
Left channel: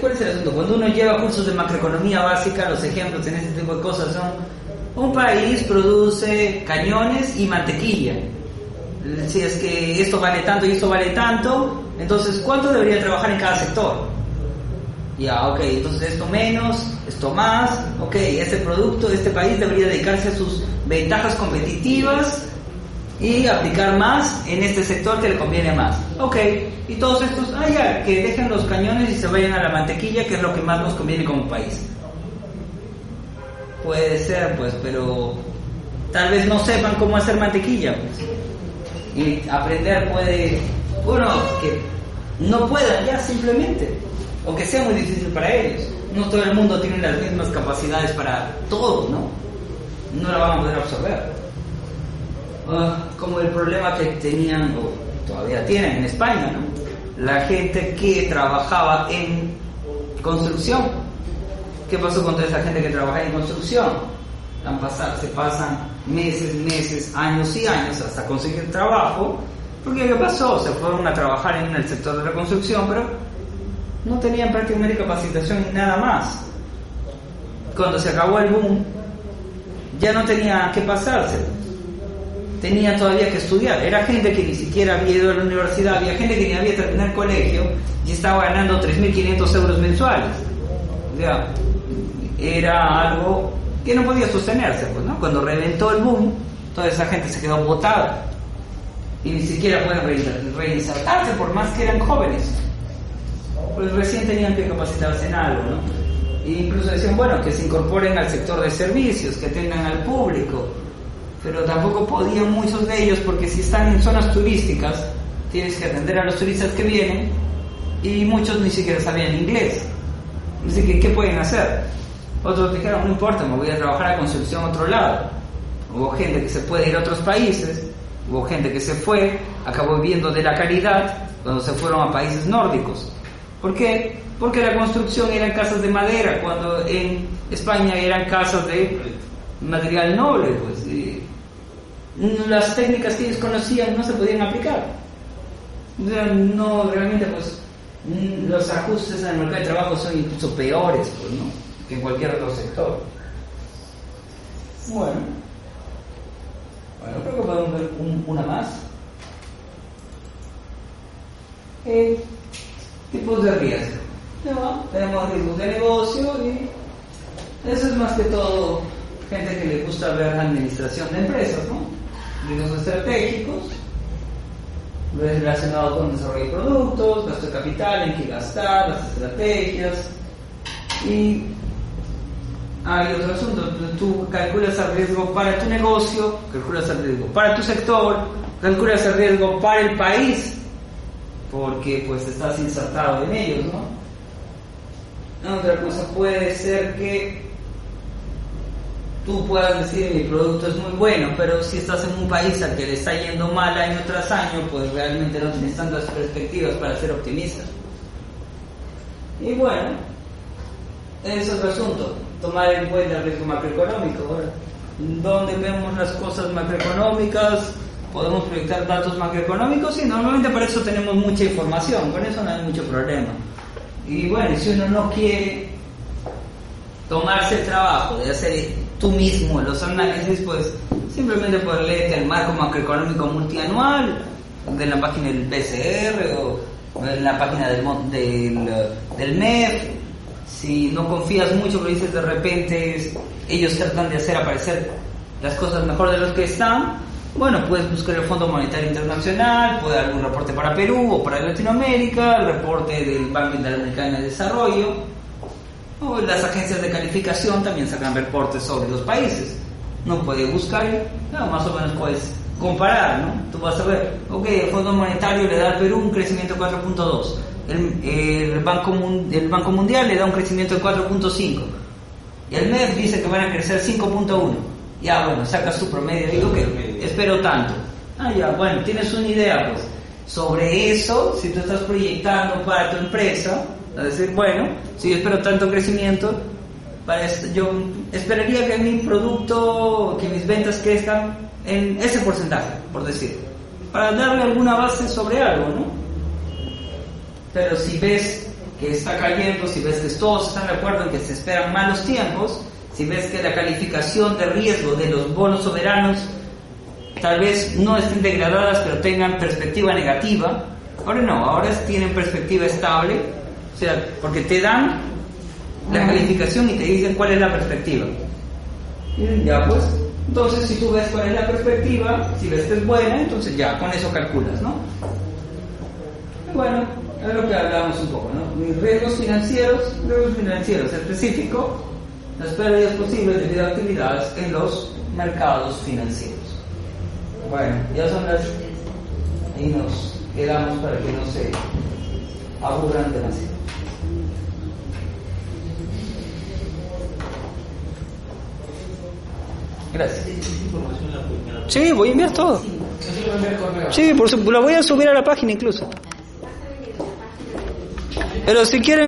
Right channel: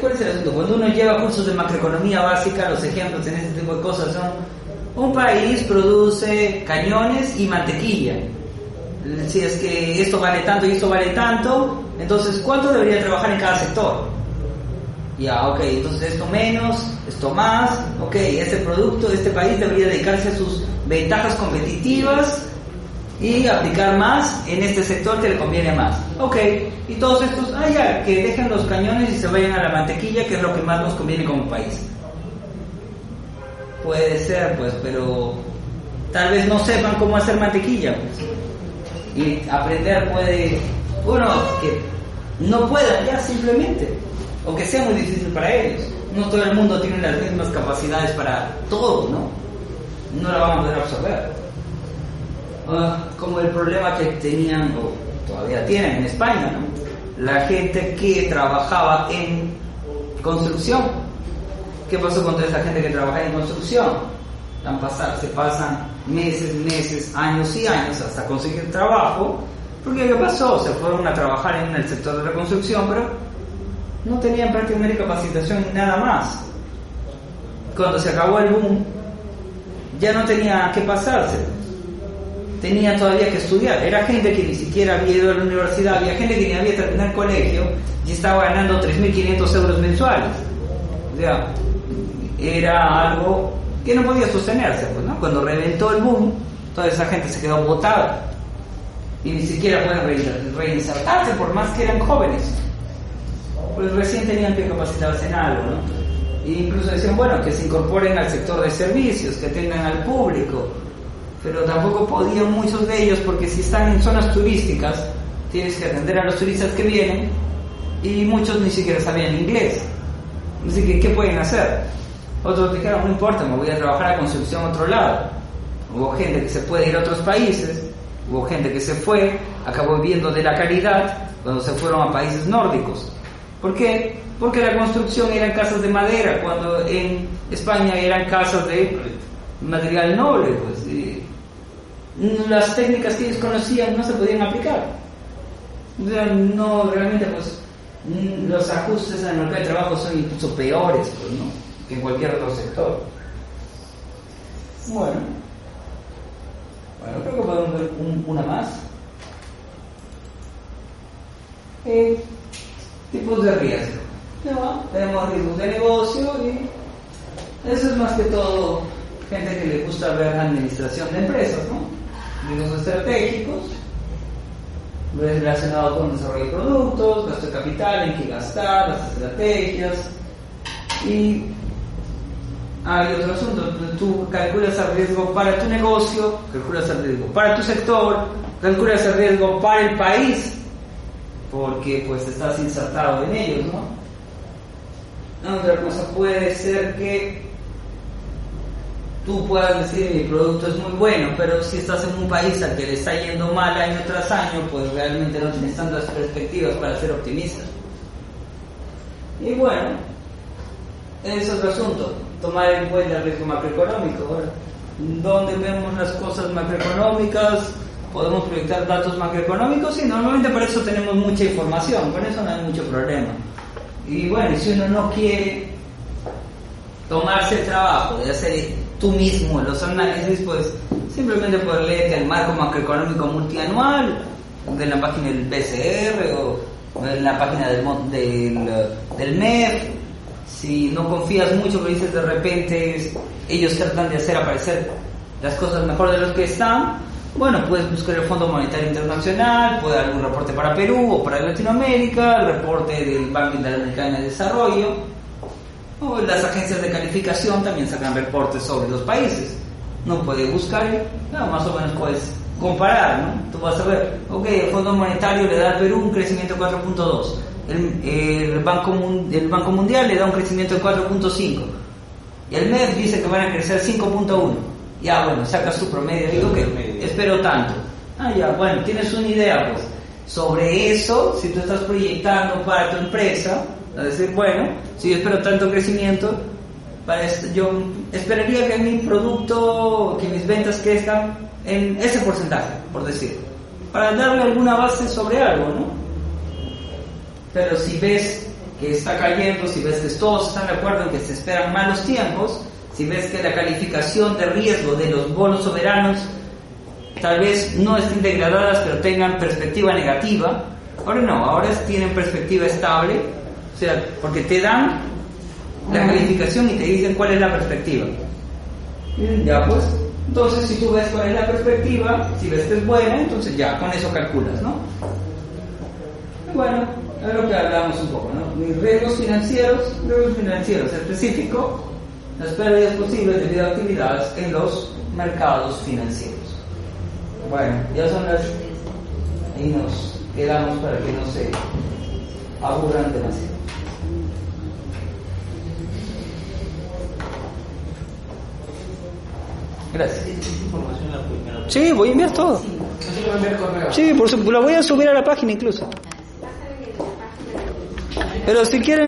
¿Cuál es el asunto? Cuando uno lleva cursos de macroeconomía básica, los ejemplos en este tipo de cosas son: un país produce cañones y mantequilla. Si es que esto vale tanto y esto vale tanto, entonces ¿cuánto debería trabajar en cada sector? Ya, ok, entonces esto menos, esto más, ok, este país debería dedicarse a sus ventajas competitivas y aplicar más en este sector que le conviene más. Ok, y todos estos, ya, que dejen los cañones y se vayan a la mantequilla, que es lo que más nos conviene como país. Puede ser, pues, pero tal vez no sepan cómo hacer mantequilla, pues. Y aprender puede, que no puedan ya simplemente, o que sea muy difícil para ellos. No todo el mundo tiene las mismas capacidades para todo, ¿no? No la van a poder absorber. Como el problema que tenían, o todavía tienen en España, ¿no? La gente que trabajaba en construcción. ¿Qué pasó con toda esa gente que trabajaba en construcción? se pasan meses, años y años hasta conseguir trabajo, porque ¿qué pasó? Se fueron a trabajar en el sector de la construcción, pero no tenían prácticamente capacitación ni nada más. Cuando se acabó el boom, ya no tenía que pasarse, tenía todavía que estudiar. Era gente que ni siquiera había ido a la universidad, había gente que ni había terminado el colegio y estaba ganando 3.500 euros mensuales. O sea, era algo que no podía sostenerse, pues, ¿no? Cuando reventó el boom, toda esa gente se quedó botada y ni siquiera pueden reinsertarse por más que eran jóvenes, pues recién tenían que capacitarse en algo, ¿no? E incluso decían, bueno, que se incorporen al sector de servicios, que atendan al público, pero tampoco podían muchos de ellos, porque si están en zonas turísticas tienes que atender a los turistas que vienen y muchos ni siquiera sabían inglés. Así que, ¿qué pueden hacer? Otros dijeron, no importa, me voy a trabajar a construcción a otro lado. Hubo gente que se puede ir a otros países, hubo gente que se fue, acabó viviendo de la caridad cuando se fueron a países nórdicos. ¿Por qué? Porque la construcción eran casas de madera, cuando en España eran casas de material noble, pues. Y las técnicas que ellos conocían no se podían aplicar. O sea, no, realmente, pues, los ajustes en el mercado de trabajo son incluso peores, pues, ¿no?, que en cualquier otro sector. Bueno, creo que podemos ver una más. Tipos de riesgo. ¿No? Tenemos riesgos de negocio y eso es más que todo gente que le gusta ver la administración de empresas, ¿no? Riesgos estratégicos relacionados con el desarrollo de productos, gasto de capital, en qué gastar, las estrategias. Y hay otro asunto, tú calculas el riesgo para tu negocio, calculas el riesgo para tu sector, calculas el riesgo para el país, porque pues estás insertado en ellos, ¿no? Otra cosa puede ser que tú puedas decir, mi producto es muy bueno, pero si estás en un país al que le está yendo mal año tras año, pues realmente no tienes tantas perspectivas para ser optimista. Y bueno, ese es otro asunto, tomar en cuenta el riesgo macroeconómico. Ahora, ¿dónde vemos las cosas macroeconómicas? Podemos proyectar datos macroeconómicos y normalmente para eso tenemos mucha información, con eso no hay mucho problema. Y bueno, si uno no quiere tomarse el trabajo de hacer tú mismo los análisis, pues simplemente puedes leerte el marco macroeconómico multianual de la página del PCR o en la página del MEF. Si no confías mucho, lo dices de repente, ellos tratan de hacer aparecer las cosas mejor de los que están. Bueno, puedes buscar el Fondo Monetario Internacional, puede haber un reporte para Perú o para Latinoamérica, el reporte del Banco Interamericano de Desarrollo, o las agencias de calificación también sacan reportes sobre los países. No puedes buscar, más o menos puedes comparar, ¿no? Tú vas a ver, ok, el Fondo Monetario le da al Perú un crecimiento de 4.2, el Banco Mundial le da un crecimiento de 4.5, y el MEF dice que van a crecer 5.1. Ya, bueno, sacas tu promedio y digo que espero tanto. Ya, bueno, tienes una idea, pues, sobre eso. Si tú estás proyectando para tu empresa, a decir, bueno, si yo espero tanto crecimiento, yo esperaría que mi producto, que mis ventas crezcan en ese porcentaje, por decir, para darle alguna base sobre algo, ¿no? Pero si ves que está cayendo, si ves que todos están de acuerdo en que se esperan malos tiempos, si ves que la calificación de riesgo de los bonos soberanos tal vez no estén degradadas pero tengan perspectiva negativa, ahora tienen perspectiva estable, o sea, porque te dan la calificación y te dicen cuál es la perspectiva. Ya, pues, entonces si tú ves cuál es la perspectiva, si ves que es buena, entonces ya con eso calculas, ¿no? Y bueno, es lo que hablamos un poco, ¿no? Mis riesgos financieros específico, las pérdidas posibles debido a actividades en los mercados financieros. Bueno, ya son las... Ahí nos quedamos para que no se aburran demasiado. Gracias. Sí, voy a enviar todo. Sí, por supuesto, lo voy a subir a la página incluso. Pero si quieren...